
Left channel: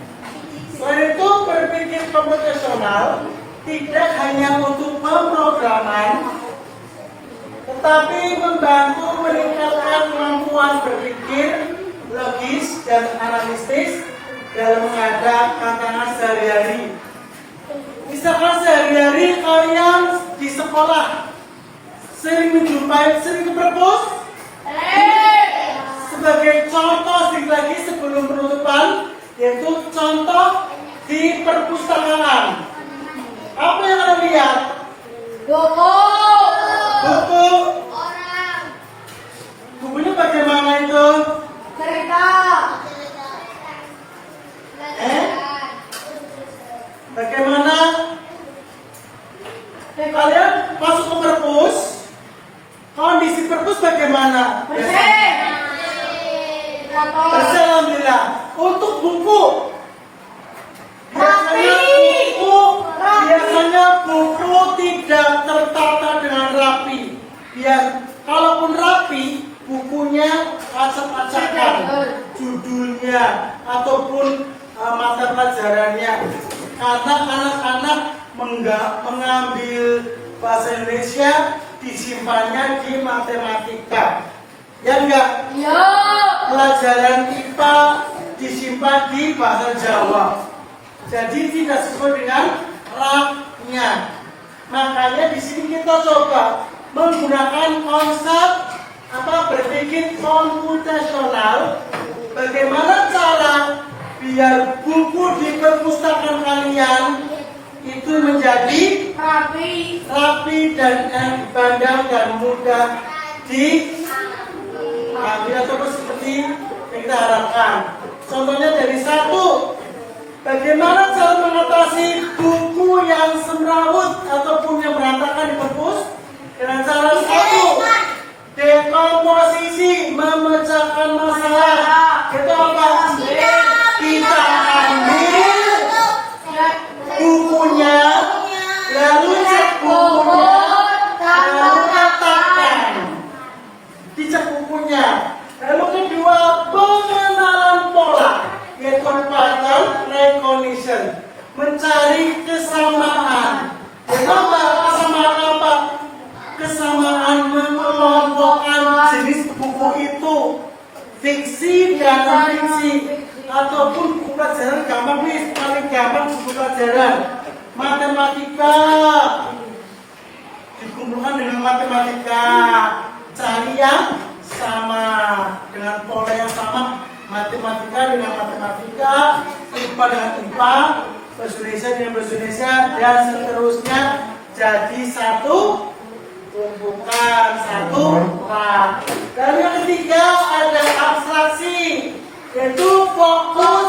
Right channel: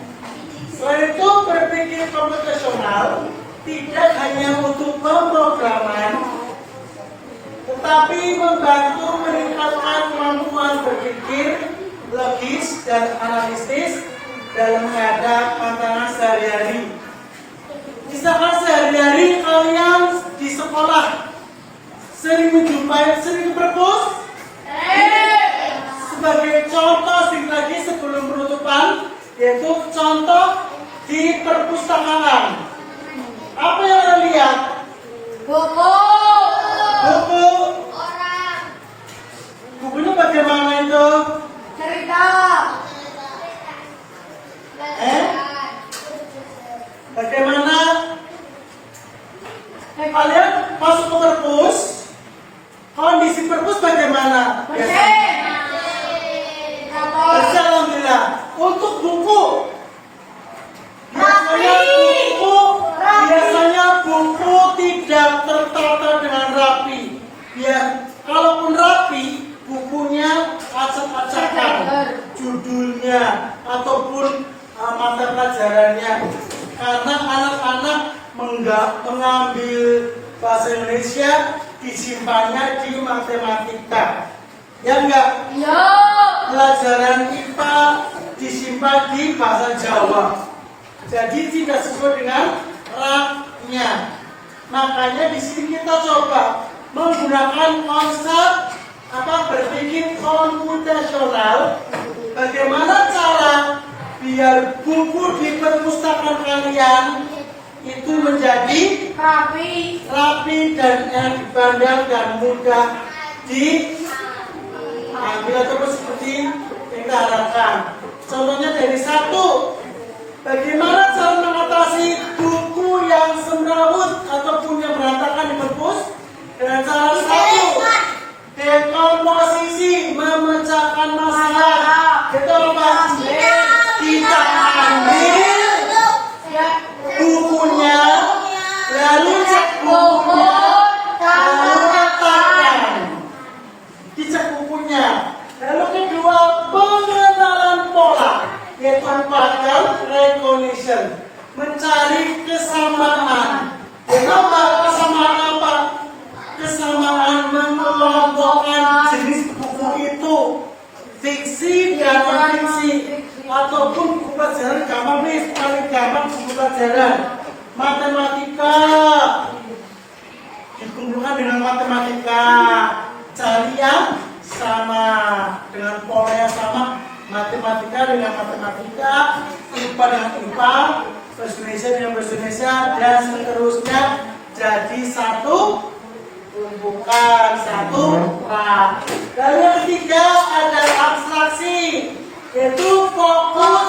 Selain itu, berpikir komputasional tidak hanya untuk pemrograman, tetapi membantu meningkatkan kemampuan berpikir logis dan analitis dalam menghadapi tantangan sehari-hari. Misalkan sehari-hari kalian di sekolah sering ke perpus. Sebagai contoh sedikit lagi sebelum penutupan, yaitu contoh di perpustakaan. Apa yang Anda lihat? Buku. Buku. Orang. Bukunya bagaimana itu? Cerita. Bagaimana? Kalian masuk ke perpus, kondisi perpus bagaimana? Alhamdulillah. Untuk buku, biasanya buku tidak tertata dengan rapi. Kalaupun rapi, bukunya acak-acakan, judulnya ataupun mata pelajarannya, karena anak-anak mengambil bahasa Indonesia disimpannya di matematika, ya enggak? Iya. Pelajaran IPA disimpan di bahasa Jawa, jadi tidak sesuai dengan raknya. Makanya di sini kita coba menggunakan konsep berpikir komputasional. Bagaimana cara biar buku di perpustakaan kalian itu menjadi rapi dan pandang dan mudah diambil ataupun seperti yang kita harapkan. Contohnya dari satu, bagaimana cara mengatasi buku yang semrawut ataupun yang berantakan di perpus dengan cara satu, dekomposisi, memecahkan masalah. Kita apa? Kita ambil bukunya, lalu cek bukunya, lalu katakan, dicek bukunya. Lalu kedua, pengenalan pola, yaitu pattern recognition, mencari kesamaan. Kenapa kesamaan apa? Kesamaan mengelompokkan jenis buku itu, fiksi dan non-fiksi, ataupun buku pelajaran gampang, paling gampang buku pelajaran matematika dikumpulkan dengan matematika, cari yang sama dengan pola yang sama, matematika dengan matematika, IPA dengan IPA, bahasa Indonesia dengan bahasa Indonesia, dan seterusnya. Jadi satu tumpukan, satu rak. Dan yang ketiga ada abstraksi, yaitu fokus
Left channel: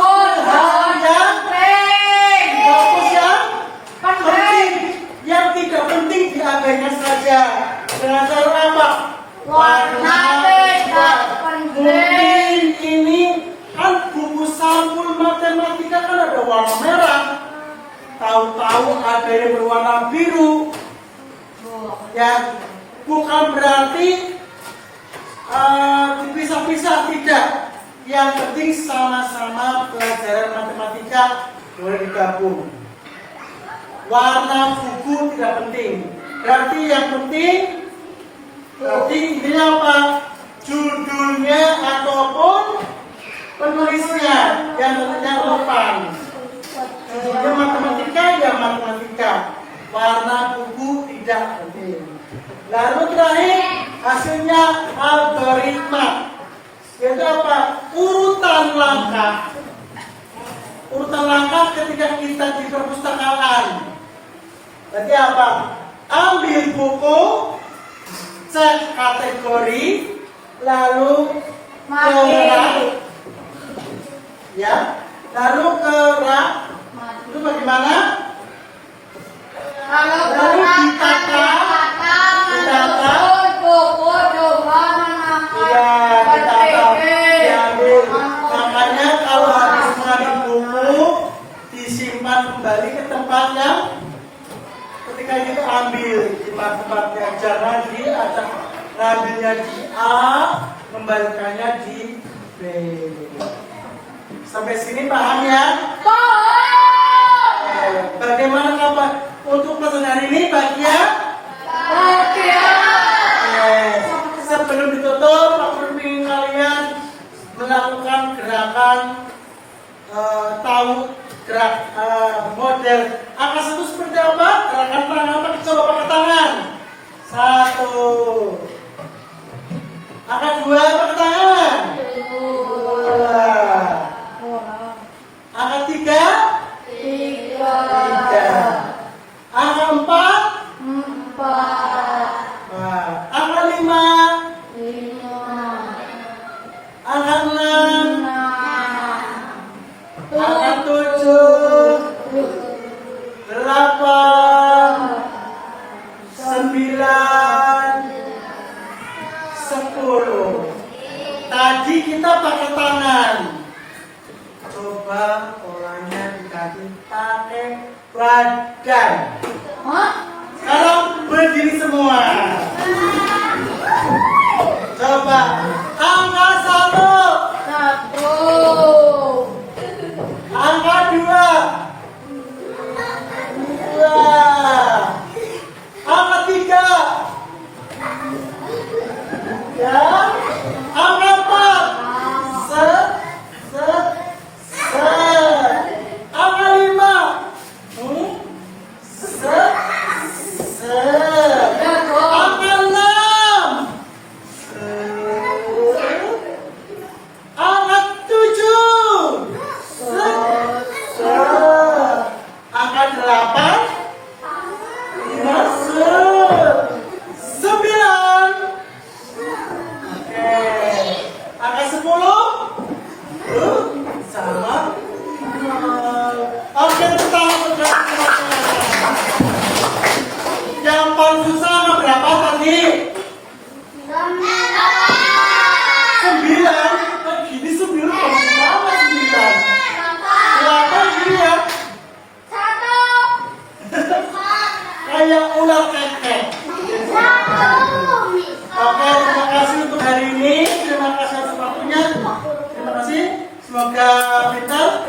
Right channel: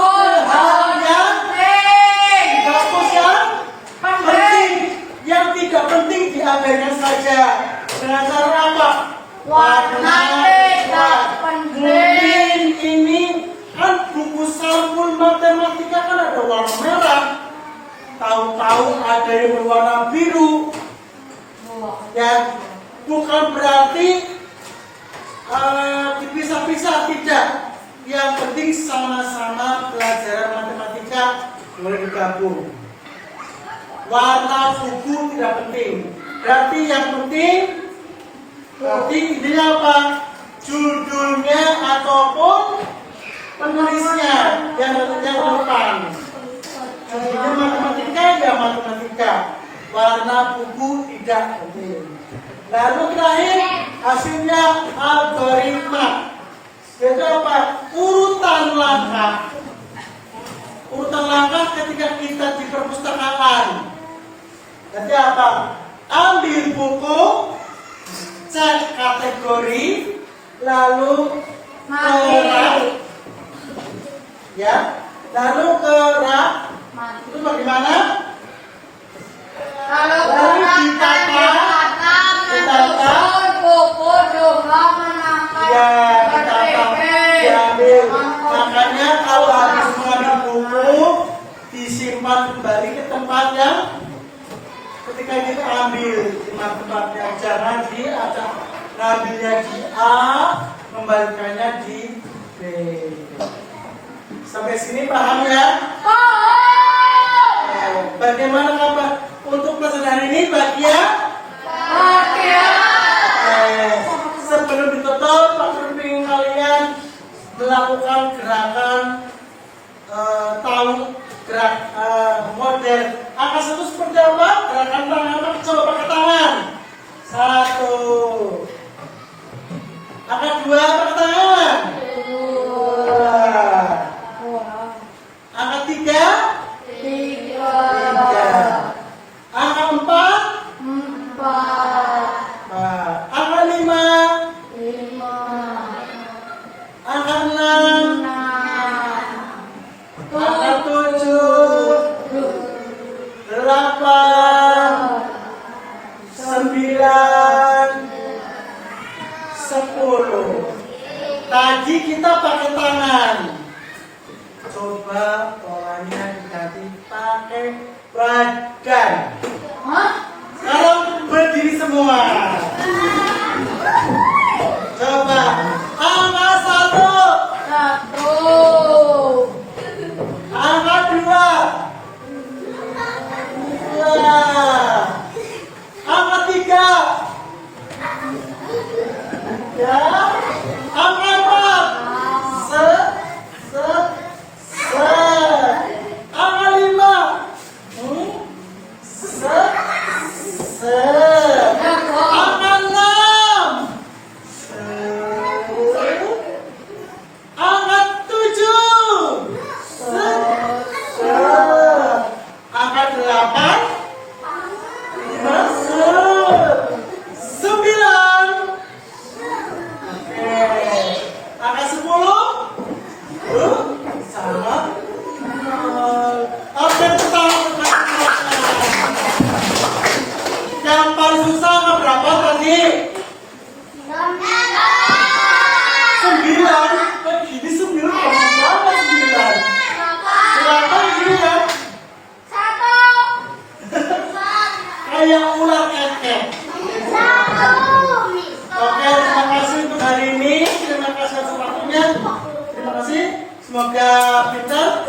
Dengan cara apa? Warna tidak penting. Mungkin ini kan buku sampul matematika kan ada warna merah. Tahu-tahu ada yang berwarna biru. Ya, bukan berarti dipisah-pisah, tidak. Yang penting sama-sama pelajaran matematika boleh digabung. Warna buku tidak penting. Berarti yang penting ini apa? Judulnya ataupun penulisnya yang depan. Judulnya matematika ya matematika. Warna buku tidak penting. Lalu terakhir hasilnya algoritma. Itu apa? Urutan langkah. Urutan langkah ketika kita di perpustakaan. Berarti apa? Ambil buku, cek kategori, lalu ke rak, ya, lalu ke rak. Itu bagaimana? Kalau Lalu ditata, buku coba menahan ya, ditata, diambil. Makanya kalau habis mengambil buku, disimpan kembali ke tempatnya. Ketika kita ambil di tempatnya, jangan diacak, ngambilnya di A, kembalikannya di B. Sampai sini paham ya? Bagaimana kabar untuk pelajaran ini bagian? Sebelum ditutup, aku ingin kalian melakukan gerakan tahu gerak model angka 1 seperti apa? Gerakan tangan apa? Coba pakai tangan. 1. Angka 2 pakai tangan. 2. Angka 3. 3. Angka 4. 4. Angka 5. 5. Angka 6. Angka 7. 8. 9. 10. Tadi kita pakai tangan. Coba polanya diganti pakai badan. Sekarang berdiri semua. Coba angka 1. Angka 2. 2. Angka 3. Ya. Angka 4. Angka 5. Angka 6. Angka 7. Angka 8. Masuk. 9. Oke. Angka 10. Sama. Oke, yang paling susah angka berapa tadi? 9. Begini 9 gampang banget 9. Berapa ini ya? Kayak ular kekek. Oke, terima kasih untuk hari ini. Terima kasih atas waktunya. Terima kasih. Semoga pintar.